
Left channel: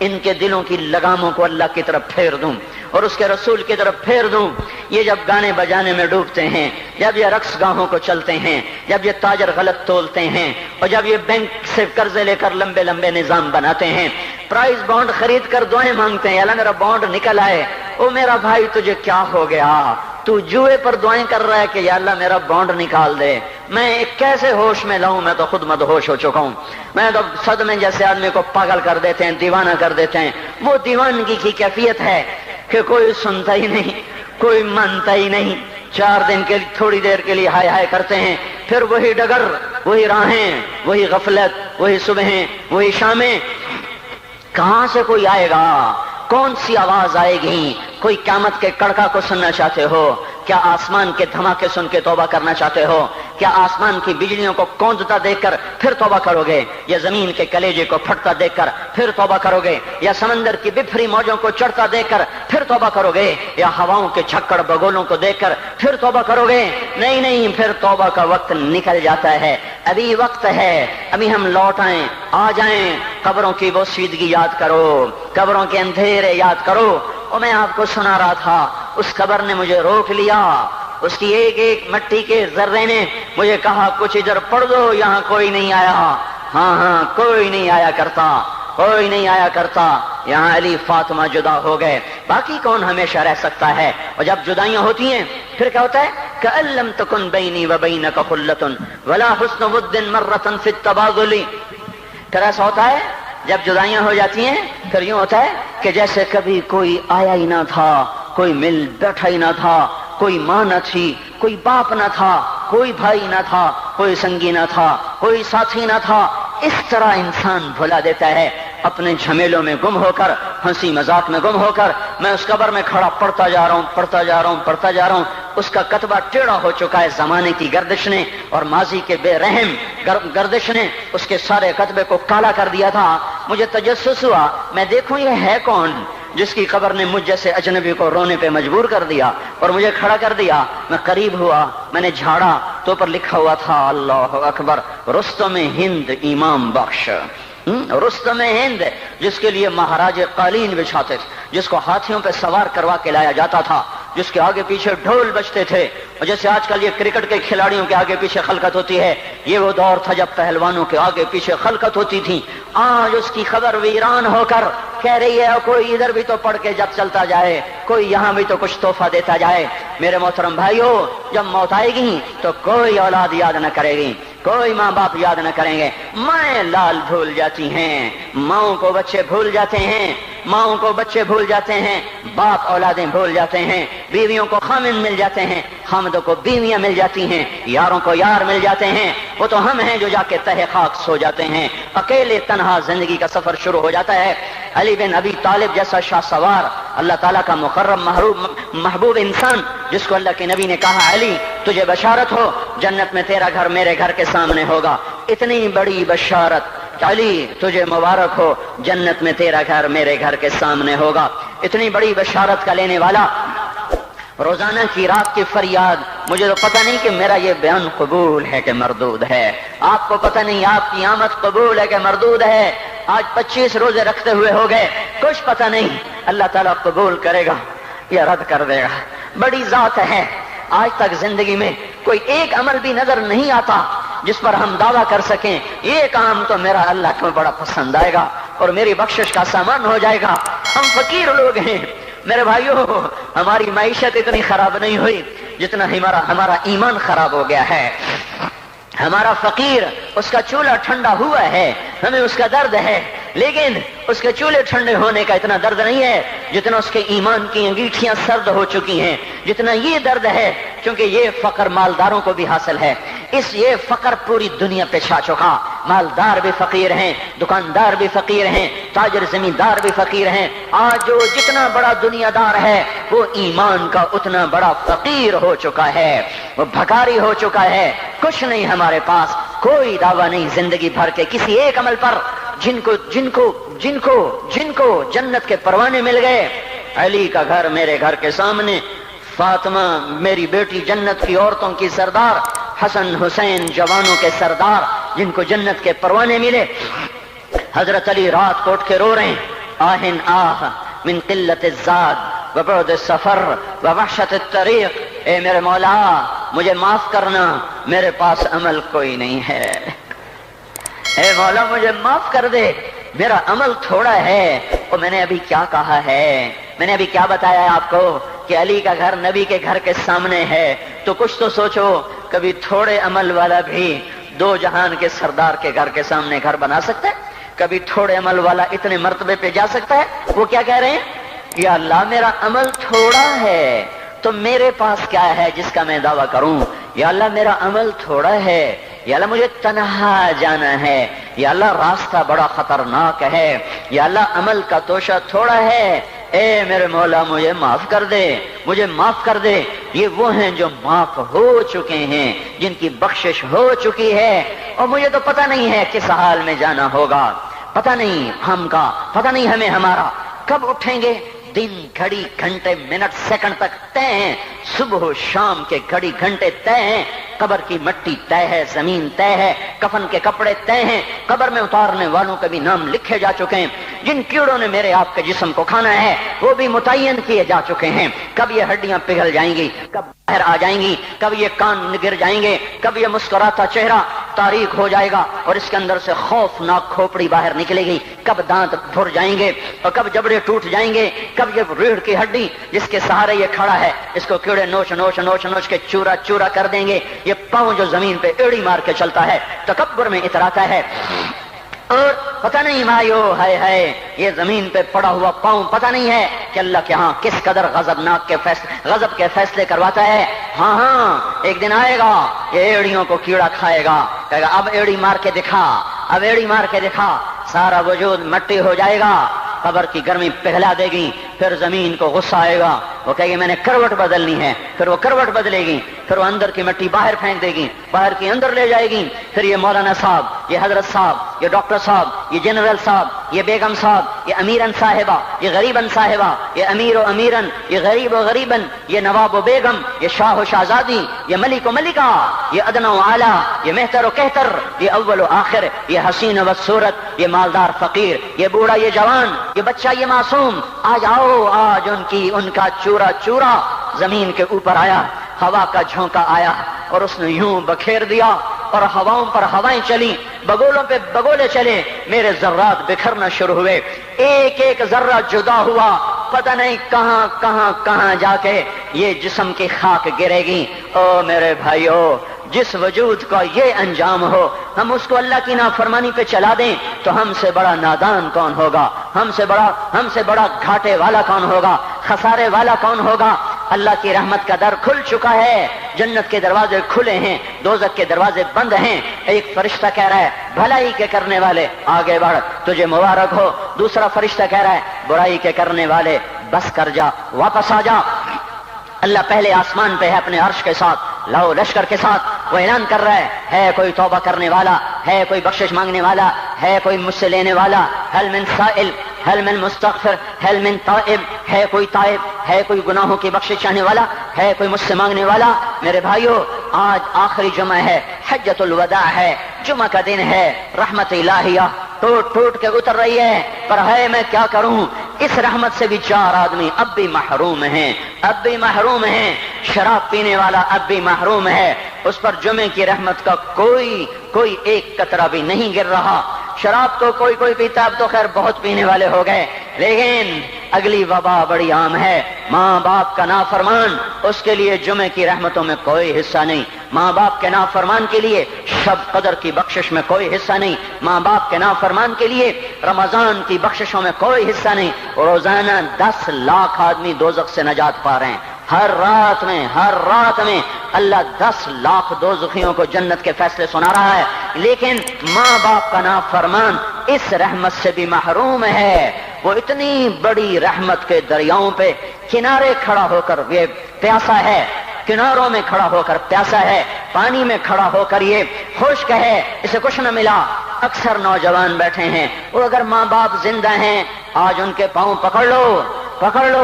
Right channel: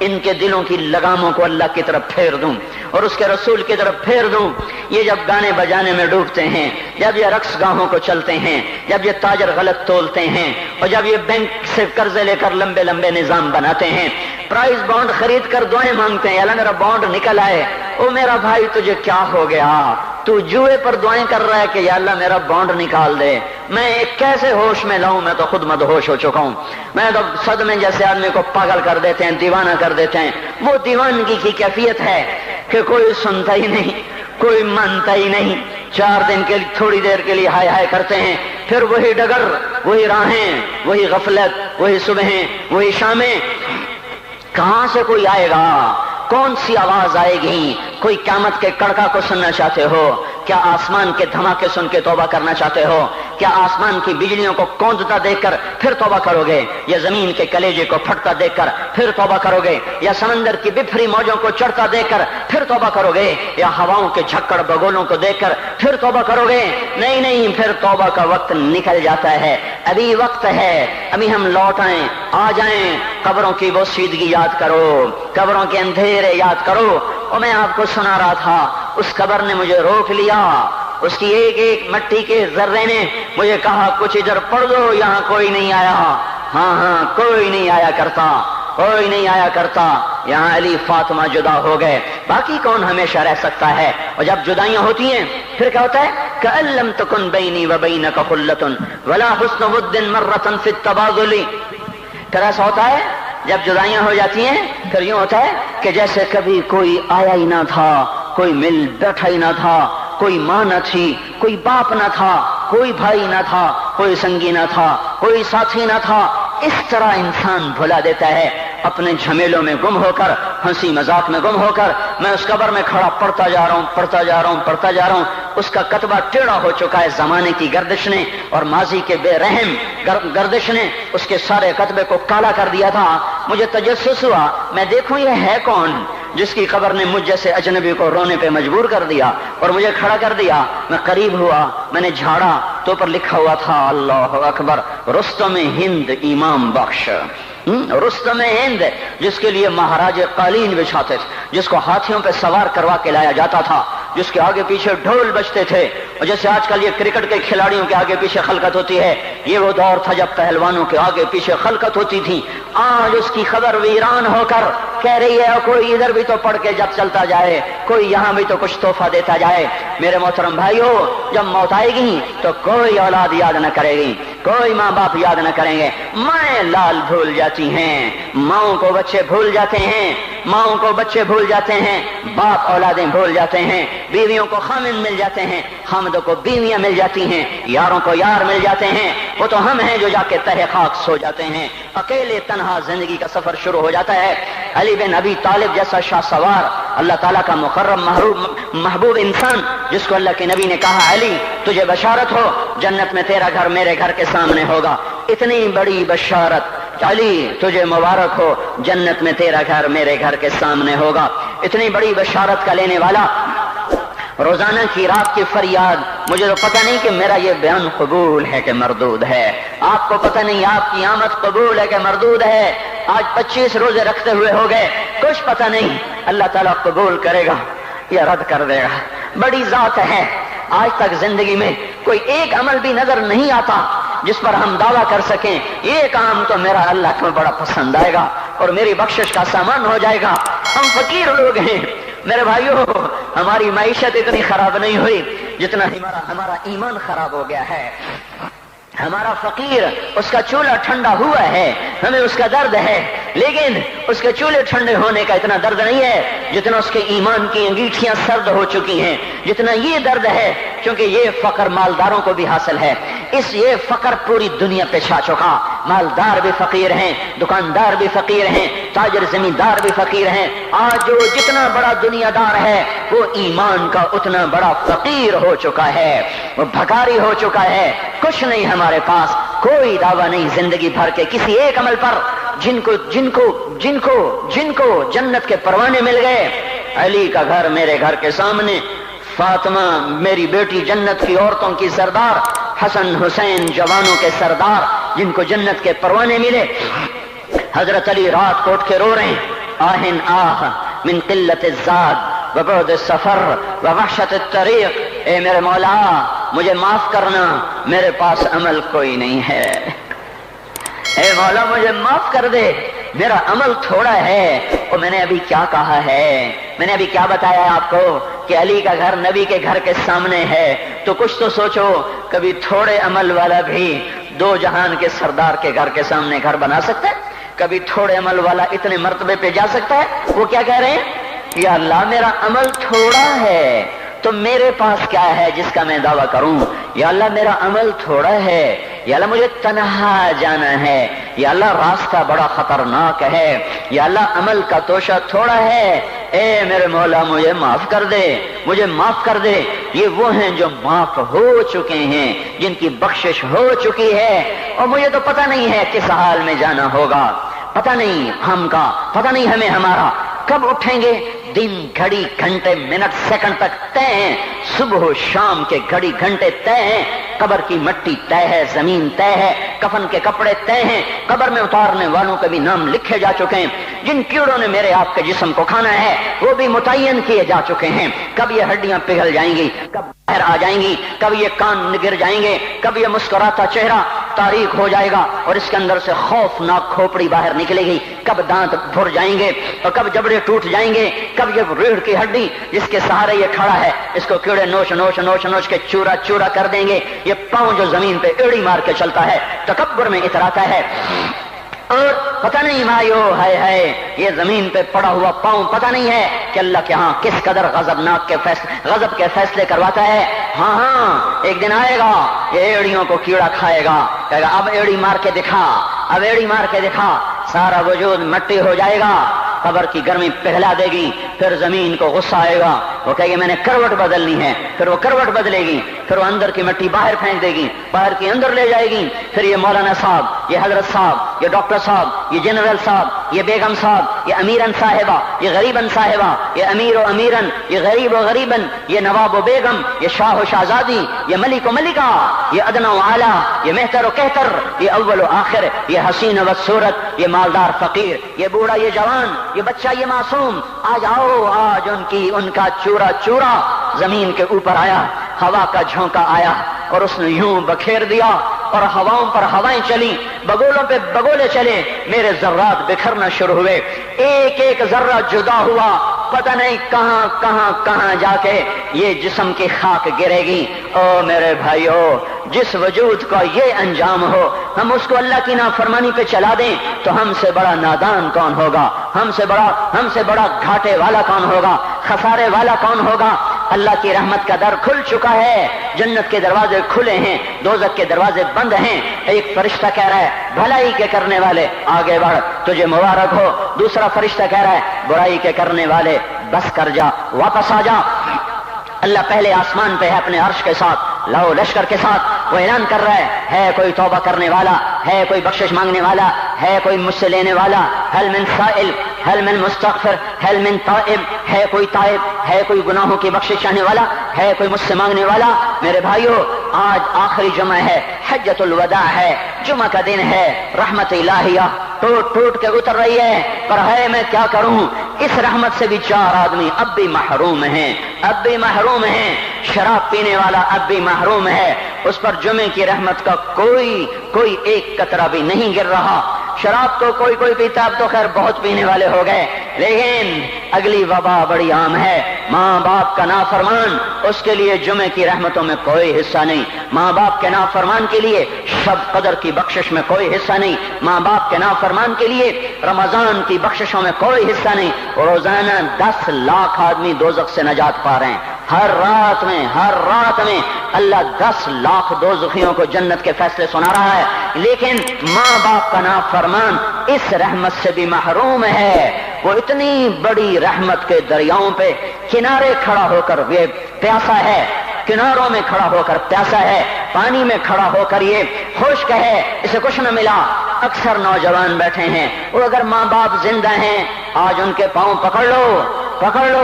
ان کے دلوں کی لگاموں کو اللہ کی طرف پھیر دوں اور اس کے رسول کی طرف پھیر دوں. یہ جب گانے بجانے میں ڈوبتے ہیں، جب یہ رقص گاہوں کو چلتے ہیں، جب یہ تاجر غلط تولتے ہیں، اور جب یہ بینک سے قرضے لے کر لمبے نظام بناتے ہیں، پرائز بانڈ خرید کر دعائیں مانگتے ہیں اللہ میرا بانڈ نکل آئے. او میرا بھائی تجھے کیا ہو گیا؟ تو جوئے پر دعائیں کر رہا ہے کہ یا اللہ میرا بانڈ نکال دے. میں کیسے ہوش میں لاؤں؟ میں تو خود مدہوش ہو چکا ہوں. میں تو صدمے جیسے آدمی کو پاگل کر دیتے ہیں، دیوانہ کر دیتے ہیں. وہ دیوانگی کی کیفیت ہے کہ کوئی سنتا ہی نہیں، کوئی مانتا ہی نہیں. 4 دن کے تھوڑی دیر کے لیے ہائے کرتے ہیں، پھر وہی ڈگر، وہی راہیں، وہی غفلت، وہی صبحیں، وہی شامیں. کہاں سے کوئی آئے گا؟ کون سی آواز آئے گی؟ کوئی قیامت کے کڑکا کو سننا چاہتے ہو؟ کیا آسمان کے دھماکے سن کے توبہ کرنا چاہتے ہو؟ کیا آسمان کی بجلیوں کو کوندتا دیکھ کر پھر توبہ کرو گے؟ یا زمین کے کلیجے کو پھٹتا دیکھ کر پھر توبہ کرو گے؟ یا سمندر کی بکھری موجوں کو چڑھتا دیکھ کر پھر توبہ کرو گے؟ یا ہواؤں کے جھکڑ بگولوں کو دیکھ کر پھر توبہ کرو گے؟ نہیں، پھر توبہ کا وقت نکل جاتا ہے. ابھی وقت ہے، ابھی ہم لوٹ آئیں، آ جائیں. قبروں کی وہ سیدگی یاد کرو، قبروں کے اندھیرے یاد کرو. اور میں آپ کو سنا رہا تھا، اس قبر نے مجھے روک لیا، اس کی ایک مٹی کے ذرے نے مجھے کہا کچھ ادھر پڑھ دو، یہاں کوئی نہیں آیا. ہاں کوئی نہیں آیا کرتا. یہاں علی فاطمہ جدا ہو گئے، باقی کون ہمیشہ رہ سکتا ہے؟ اور جب جدائیاں ہوتی ہیں پھر کیا ہوتا ہے؟ کأن لم تکن بینی وبینک خلۃ ولا حسن ود مرۃ فی التباذل. پھر ایسا ہوتا ہے جب جدائیاں ہو جاتی ہیں پھر یوں ہوتا ہے کہ جیسے کبھی کوئی آیا ہی نہ تھا، کوئی مل بیٹھا ہی نہ تھا، کوئی ماں نہ تھی، کوئی باپ نہ تھا، کوئی بھائی نہ تھا، کوئی سنگی نہ تھا، کوئی ساتھی نہ تھا. اس طرح انسان بھلا دیتا ہے اپنے جھمیلوں میں گم ہو کر، ہنسی مذاق میں گم ہو کر. میں اس قبر میں کھڑا پڑھتا جا رہا ہوں. اس کا کتبہ ٹیڑھا ہو چکا ہے زمانے کی گردش نے اور ماضی کے بے رحم گردش نے اس کے سارے کتبے کو کالا کر دیا تھا. مجھے تجسس ہوا میں دیکھوں یہ ہے کون جس کی قبر نے مجھ جیسے اجنبی کو رونے پہ مجبور کر دیا اور مجھے کھڑا کر دیا. میں قریب ہوا, میں نے جھاڑا تو پر لکھا ہوا تھا اللہ اکبر رستم ہند امام بخش. رستم ہند جس کے لیے مہاراج قالین بچھاتے, جس کو ہاتھیوں پہ سوار کروا کے لایا جاتا تھا, جس کے آگے پیچھے ڈھول بجتے تھے, اور جیسے آج کل یہ کرکٹ کے کھلاڑیوں کے آگے پیچھے خلقت ہوتی ہے, یہ وہ دور تھا جب پہلوانوں کے آگے پیچھے خلقت ہوتی تھی. آج اس کی خبر ویران ہو کر کہہ رہی ہے کوئی ادھر بھی تو پڑھ کے جب چلتا جائے, کوئی یہاں بھی تو کچھ تحفہ دیتا جائے. میرے محترم بھائیو, جب موت آئے گی تو کوئی اولاد یاد نہ کرے گی, کوئی ماں باپ یاد نہ کریں گے. مائیں لال بھول جاتی ہیں, ماؤں کو بچے بھول جاتے ہیں, ماؤں کو بچے بھول جاتے ہیں, باپ اولادیں بھول جاتے ہیں, بیویوں کو خامن مل جاتے ہیں, خامدوں کو بیویاں مل جاتی ہیں, یاروں کو یار مل جاتے ہیں. وہ تو ہم ہیں جو جا کے تہ خاک سو جاتے ہیں. اکیلے تنہا زندگی کا سفر شروع ہو جاتا ہے. علی بن ابی طالب جیسا شاہ سوار, اللہ تعالیٰ کا مکرم محبوب انسان, جس کو اللہ کے نبی نے کہا علی تجھے بشارت ہو جنت میں تیرا گھر میرے گھر کے سامنے ہوگا. اتنی بڑی بشارت علی تجھے مبارک ہو جنت میں تیرا گھر میرے گھر کے سامنے ہوگا. اتنی بڑی بشارت کا لینے والا روزانہ کی رات کی فریاد. مجھے تو پتہ نہیں کہ میرا یہ بیان قبول ہے کہ مردود ہے, آپ کو پتہ نہیں آپ کی آمد قبول ہے کہ مردود ہے. آج 25 روزے رکھتے ہوئے ہو گئے, کچھ پتہ نہیں اللہ تعالیٰ قبول کرے گا یا رد کر دے گا. بڑی ذات ہے. آج تک زندگی میں کوئی ایک عمل بھی نظر نہیں آتا جس پر ہم دعویٰ کر سکیں یہ کام تو میرا اللہ کو بڑا پسند آئے گا اور میری بخشش کا سامان ہو جائے گا. ہم فقیر لوگ ہیں میرے بھائیو, ہماری معیشت اتنی خراب نہیں ہوئی جتنا ہمارا ایمان خراب ہو گیا ہے. ہمارا فقیر اس کا چولہا ٹھنڈا ہوا ہے, ہمیں اس کا درد ہے, لیکن اس کے چولہے ٹھنڈے ہونے کا اتنا درد نہیں ہے جتنا اس کے ایمان کی انگیٹھیاں سرد ہو چکی ہیں, جتنا یہ درد ہے. کیونکہ یہ فقر مالداروں کو بھی حاصل ہے, یہ فقر پوری دنیا پہ چھا چکا. مالدار بھی فقیر ہیں, دکاندار بھی فقیر ہیں, تاجر زمیندار بھی فقیر ہیں. آج جو جتنا بڑا دنیا دار ہے وہ ایمان کا اتنا بڑا فقیر ہو چکا ہے, وہ بھکاری ہو چکا ہے. کچھ نہیں ہمارے پاس, کوئی دعویٰ نہیں زندگی بھر کے کسی ایک عمل پر. جن کو جنت کے پروانے مل گئے. علی کا گھر میرے گھر کے سامنے, فاطمہ میری بیٹی جنت کی عورتوں کی سردار, حسن حسین جوانوں کے سردار جن کو جنت کے پروانے ملے. حضرت علی رات کو اٹھ کے رو رہے ہیں, آہن آہ من قلت الزاد وبعد السفر ووحشت الطریق. اے میرے مولا مجھے معاف کرنا, میرے پاس عمل کوئی نہیں ہے. اے مولا مجھے معاف کر دے, میرا عمل تھوڑا ہے. اور میں نے ابھی کیا کہا ہے, میں نے ابھی کیا بتایا آپ کو کہ علی کا گھر نبی کے گھر کے سامنے ہے. تو کچھ تو سوچو, کبھی تھوڑے عمل والا بھی دو جہان کے سردار کے گھر کے سامنے گھر بنا سکتا ہے؟ کبھی تھوڑے عمل والا اتنے مرتبے پہ جا سکتا ہے؟ وہ کیا کہہ رہے ہیں, یا اللہ میرا عمل تھوڑا ہے تو میرے پاس کیا ہے جس کا میں دعویٰ کروں. یا اللہ میرا عمل تھوڑا ہے, یا اللہ مجھے تنہا جانا ہے, یا اللہ راستہ بڑا خطرناک ہے, یا اللہ عمل کا توشہ تھوڑا ہے. اے میرے مولا مجھے معاف کر دے, مجھے معاف کر دے. یہ وہ ہیں جو معاف ہو چکے ہیں, جن کی بخشش ہو چکی ہے. اور مجھے تو پتہ نہیں ہے کس حال میں جانا ہوگا, پتہ نہیں ہم کا, پتہ نہیں ہمیں ہمارا کب اٹھیں گے. دن گھڑی گھنٹے منٹ سیکنڈ تک طے ہیں, صبح و شام کے گھڑی گھنٹے طے ہیں. قبر کی مٹی طے ہے, زمین طے ہے, کفن کے کپڑے طے ہیں, قبر میں اتارنے والوں کے بھی نام لکھے جا چکے ہیں. جن کیڑوں نے میرے آپ کے جسم کو کھانا ہے وہ بھی متعین کیے جا چکے ہیں. کب یہ ہڈیاں پگھل جائیں گی, کب باہر آ جائیں گی, کب یہ کان گر جائیں گے, کب یہ مسکراتا چہرہ تاریک ہو جائے گا اور اس کے اندر سے خوفناک کھوپڑی باہر نکلے گی, کب دانت بھر جائیں گے اور کب جبڑے ٹوٹ جائیں گے, کب یہ ریڑھ کی ہڈی جس کے سہارے یہ کھڑا ہے اس کو کیڑے نوچ نوچ نوچ نوچ کے چورا چورا کر دیں گے. یہ پاؤں جو زمین پہ ایڑی مار کے چلتا ہے تکبر میں اتراتا ہے, اور پتہ نہیں مایو ہے یہ زمین پہ پڑا ہوا پاؤں پتہ نہیں ہے کہ اللہ کے ہاں کس قدر غضب کے فیصلے کرواتا ہے. ہاں ایک دن آئے گا یہ ایڑیوں کو کیڑا کھائے گا, کہے گا اب ایڑی مار کے دکھا, اب ایڑی مار کے دکھا. سارا وجود مٹی ہو جائے گا, قبر کی گرمی پگھلا دے گی, پھر زمین کو غصہ آئے گا، وہ کہے گی میں نے کروٹ بدلنی ہے، پھر وہ کروٹ بدلے گی، پھر وہ اندر کی مٹی باہر پھینک دے گی، باہر کی اندر لے جائے گی، پھر یہ مولانا صاحب، یہ حضرت صاحب، یہ ڈاکٹر صاحب، یہ جنرل صاحب، یہ بیگم صاحب، یہ امیرن صاحبہ، یہ غریبن صاحبہ، یہ امیر و امیرن، یہ غریب و غریبن، یہ نواب و بیگم، یہ شاہ و شہزادی، یہ ملک و ملکہ، یہ ادنا و اعلیٰ، یہ مہتر و کہتر، یہ اول و آخر، یہ حسین و صورت، یہ مالدار فقیر، یہ بوڑھا یہ جوان، یہ بچہ یہ معصوم، آج آؤ، آج ان کا چورا چورا زمین کے اوپر آیا، ہوا کا جھونکا آیا اور اس نے یوں بکھیر دیا اور ہواؤں پر ہوائیں چلی، بگولوں پہ بگولے چلے، میرے ذرات بکھرنا شروع ہوئے، ایک ایک ذرہ جدا ہوا، پتہ نہیں کہاں کہاں کہاں جا کے یہ جسم کی خاک گرے گی۔ او میرے بھائیو، جس وجود کا یہ انجام ہو، ہم اس کو اللہ کی نافرمانی پہ چلا دیں تو ہم سے بڑا نادان کون ہوگا، ہم سے بڑا گھاٹے والا کون ہوگا، خسارے والا کون ہوگا۔ اللہ کی رحمت کا در کھل چکا ہے، جنت کے دروازے کھلے ہیں، دوزخ کے دروازے بند ہیں۔ ایک فرشتہ کہہ رہا ہے بھلائی کے کرنے والے آگے بڑھ، تجھے مبارک ہو۔ دوسرا فرشتہ کہہ رہا ہے برائی کے کرنے والے بس کر جا، واپس آ جا۔ اللہ پہلے آسمان پہ ہے اپنے عرش کے ساتھ، لاؤ لشکر کے ساتھ، وہ اعلان کر رہا ہے کوئی توبہ کرنے والا، ہے کوئی بخشش مانگنے والا، ہے کوئی مجھ سے لینے والا، هل من سائل، هل من مستغفر، هل من تائب، ہے کوئی تائب، ہے کوئی گناہوں کی بخشش چاہنے والا، ہے کوئی مجھ سے مانگنے والا۔ میرے بھائیو، آج آخری جمعہ ہے، حجۃ الوداع ہے، جمعہ کا دن ہے، رحمت الہیہ ٹوٹ ٹوٹ کے اتر رہی ہے، پر ہے میں کیا کروں، اس رحمت سے بھی 4 آدمی اب بھی محروم ہیں، اب بھی محروم ہیں۔ شراب پینے والا اب بھی محروم ہے، اس پر جمعے کی رحمت کا کوئی ایک قطرہ بھی نہیں گر رہا۔ شراب تو کوئی پیتا، اب تو خیر بہت پینے والے ہو گئے، لیکن اگلی وبا بڑی عام ہے، ماں باپ کا نافرمان، اس کے لیے جمعے کی رحمتوں میں کوئی حصہ نہیں، ماں باپ کے نافرمان کے لیے شب قدر کی بخشش میں کوئی حصہ نہیں، ماں باپ کے نافرمان کے لیے رمضان کی بخششوں میں کوئی حصہ نہیں۔ روزانہ 10 لاکھ آدمی دوزخ سے نجات پا رہے ہیں، ہر رات میں اللہ 10 لاکھ دوزخیوں کو جنت کے فیصلے سنا رہا ہے، لیکن ماں باپ کا نافرمان اس رحمت سے بھی محروم ہے۔ وہ اتنی بڑی رحمت کے دریاؤں پہ کنارے کھڑا ہو کر یہ پیاسا ہے، کناروں میں کھڑا ہو کر پیاسا ہے، پانی میں کھڑا ہو کر یہ خشک ہے، اسے کچھ نہ ملا۔ اکثر نوجوان بیٹھے ہیں، وہ اگر ماں باپ زندہ ہیں آج ان کے پاؤں پکڑ لو،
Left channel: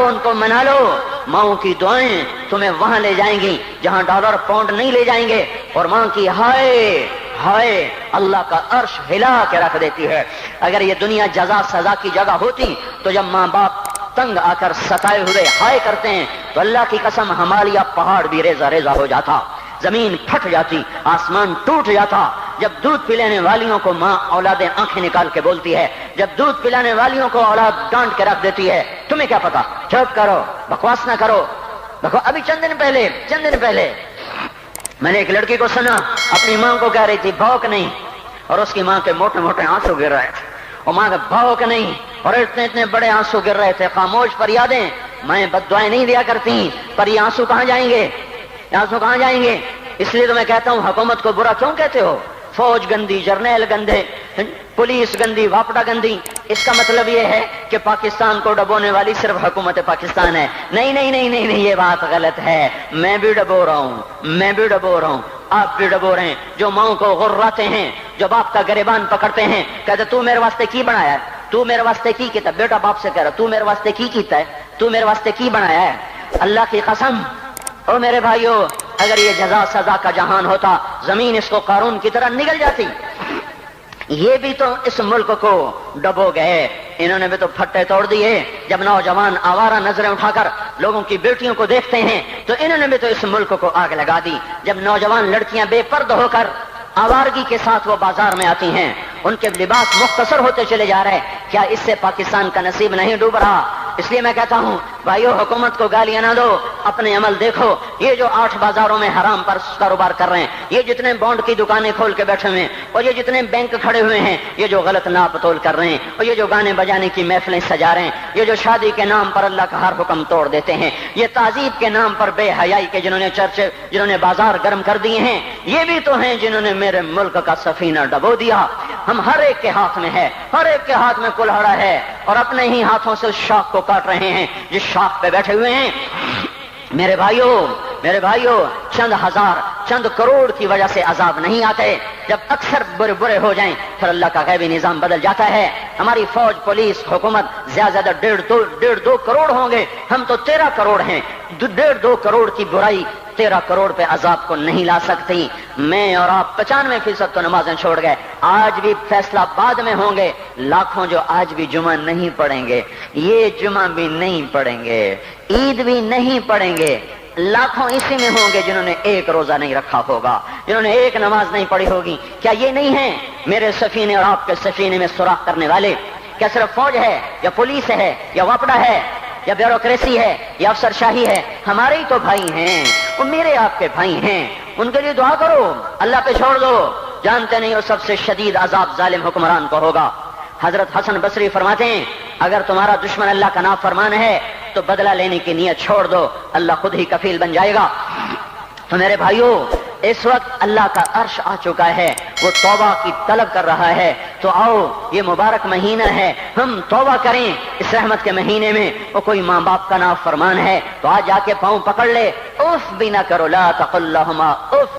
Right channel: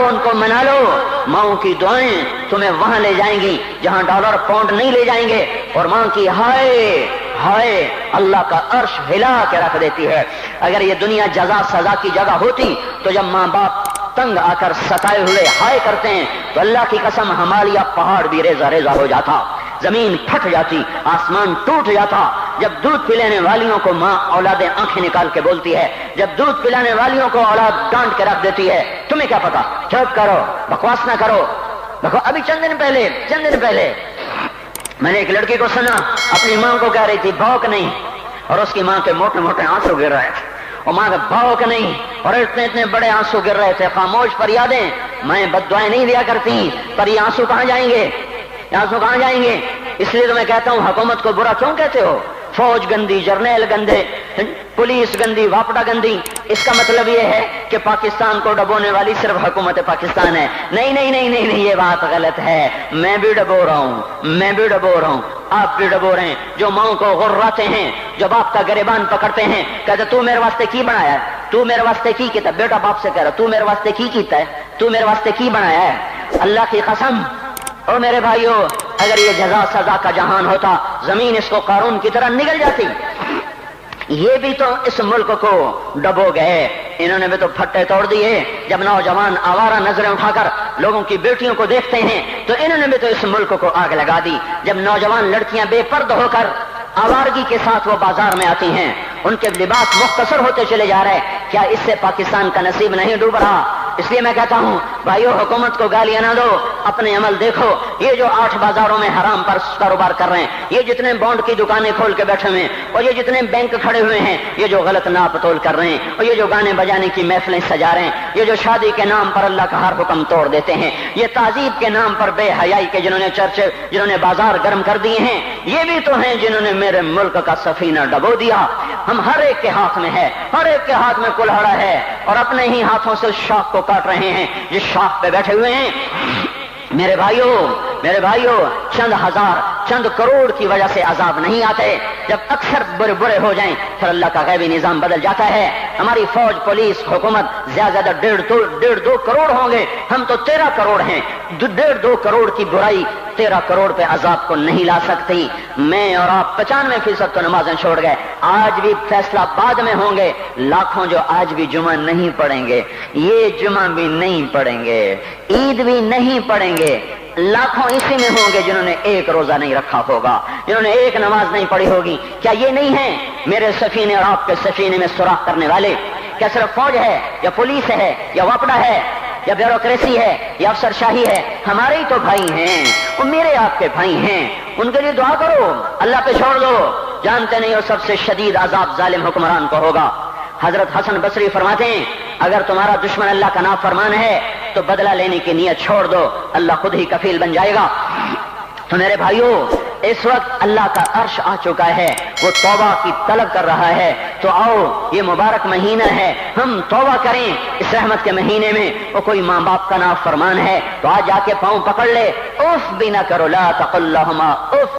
ان کو منا لو، ماؤں کی دعائیں تمہیں وہاں لے جائیں گی جہاں ڈالر پاؤنڈ نہیں لے جائیں گے، اور ماں کی ہائے اللہ کا عرش ہلا کے رکھ دیتی ہے۔ اگر یہ دنیا جزا سزا کی جگہ ہوتی تو جب ماں باپ تنگ آ کر ستائے ہوئے ہائے کرتے ہیں تو اللہ کی قسم ہمالیہ پہاڑ بھی ریزہ ریزہ ہو جاتا، زمین پھٹ جاتی، آسمان ٹوٹ جاتا۔ جب دودھ پلانے والیوں کو ماں اولادیں آنکھیں نکال کے بولتی ہے، جب دودھ پلانے والیوں کو اولاد ڈانٹ کے رکھ دیتی ہے، تمہیں کیا پتا، چپ کرو، بکواس نہ کرو۔ دیکھو ابھی چند دن پہلے میں نے ایک لڑکی کو سنا، اپنی ماں کو کہہ رہی تھی بھوک نہیں، اور اس کی ماں کے موٹے موٹے آنسو گر رہے تھے، اور ماں کا بھوک نہیں، اور اتنے بڑے آنسو گر رہے تھے۔ خاموش فریادیں، میں بد دعائیں نہیں دیا کرتی، پر یہ آنسو کہاں جائیں گے؟ اس لیے تو میں کہتا ہوں حکومت کو برا کیوں کہتے ہو؟ فوج گندی، جرنیل گندے، پولیس گندی، واپڈا گندی، اس کا مطلب یہ ہے کہ پاکستان کو ڈبونے والی صرف حکومت پاکستان ہے؟ نہیں، یہ بات غلط ہے۔ میں بھی ڈبو رہا ہوں، آپ بھی ڈبو رہے ہیں، جو ماؤں کو غراتے ہیں، جو باپ کا گریبان پکڑتے ہیں، کہتے تو میرے واسطے کی بنایا ہے، تو میرے واسطے کی کیتا ہے؟ بیٹا باپ سے کہہ رہا تو میرے واسطے کی کیتا ہے، تو میرے واسطے کی بنایا ہے؟ اللہ کی قسم، اور میرے بھائیو، اگر یہ جزا سزا کا جہان ہوتا، زمین اس کو قارون کی طرح نگل جاتی۔ یہ بھی تو اس ملک کو ڈبو گئے، انہوں نے بھی تو پھٹے توڑ دیے۔ جب نوجوان آوارہ نظریں اٹھا کر لوگوں کی بیٹیوں کو دیکھتے ہیں تو انہوں نے بھی تو اس ملک کو آگ لگا دی۔ جب نوجوان لڑکیاں بے پرد ہو کر آوارگی کے ساتھ وہ بازار میں آتی ہیں، ان کے لباس مختصر ہوتے چلے جا رہے، کیا اس سے پاکستان کا نصیب نہیں ڈوب رہا؟ اس لیے میں کہتا ہوں بھائیو، حکومت کو گالیاں نہ دو، اپنے عمل دیکھو۔ یہ جو 8 بازاروں میں حرام پر کاروبار کر رہے ہیں، یہ جتنے بانڈ کی دکانیں کھول کے بیٹھے ہوئے ہیں، اور یہ جتنے بینک کھڑے ہوئے ہیں، یہ جو غلط ناپ تول کر رہے ہیں، اور یہ جو گانے بجانے کی محفلیں سجا رہے ہیں، یہ جو شادی کے نام پر اللہ کا ہر حکم توڑ دیتے ہیں، یہ تہذیب کے نام پر بے حیائی کے جنہوں نے بازار گرم کر دیے ہیں، یہ بھی تو ہیں جنہوں نے میرے ملک کا سفینہ ڈبو دیا۔ ہم ہر ایک کے ہاتھ میں ہے، ہر ایک کے ہاتھ میں کلہاڑا ہے، اور اپنے ہی ہاتھوں سے شاخ کو کاٹ رہے ہیں جس شاخ پہ بیٹھے ہوئے ہیں۔ میرے بھائیوں، چند ہزار چند کروڑ کی وجہ سے عذاب نہیں آتے، جب اکثر برے ہو جائیں پھر اللہ کا غیبی نظام بدل جاتا ہے۔ ہماری فوج، پولیس، حکومت زیادہ 1.5-2 کروڑ ہوں گے، ہم تو 13 کروڑ ہیں۔ 1.5-2 کروڑ کی برائی 13 کروڑ پہ عذاب کو نہیں لا سکتی۔ میں اور آپ 95% تو نمازیں چھوڑ گئے، آج بھی فیصلہ بعد میں ہوں گے۔ لاکھوں جو آج بھی جمعہ نہیں پڑھیں گے، یہ جمعہ بھی نہیں پڑھیں گے، عید بھی نہیں پڑھیں گے، لاکھوں اسی میں ہوں گے جنہوں نے ایک روزہ نہیں رکھا ہوگا، جنہوں نے ایک نماز نہیں پڑھی ہوگی۔ کیا یہ نہیں ہے میرے سفینے اور آپ کے سفینے میں سوراخ کرنے والے؟ کیا صرف فوج ہے یا پولیس ہے یا وپڈا ہے یا بیوروکریسی ہے یا افسر شاہی ہے؟ ہمارے ہی تو بھائی ہیں، وہ میرے آپ کے بھائی ہیں، ان کے لیے دعا کرو، اللہ پہ چھوڑ دو۔ جانتے نہیں ہو سب سے شدید عذاب ظالم حکمران کو ہوگا۔ حضرت حسن بصری فرماتے ہیں اگر تمہارا دشمن اللہ کا نافرمان ہے تو بدلہ لینے کی نیت چھوڑ دو، اللہ خود ہی کفیل بن جائے گا۔ تو میرے بھائیوں، اس وقت اللہ کا عرش آ چکا ہے، وہ توبہ کی طلب کر رہا ہے۔ تو آؤ، یہ مبارک مہینہ ہے، ہم توبہ کریں اس رحمت کے مہینے میں۔ وہ کوئی ماں باپ کا نافرمان ہے تو آج جا کے پاؤں پکڑ لے، اف بھی نہ کرو، لا تقل لہما اف،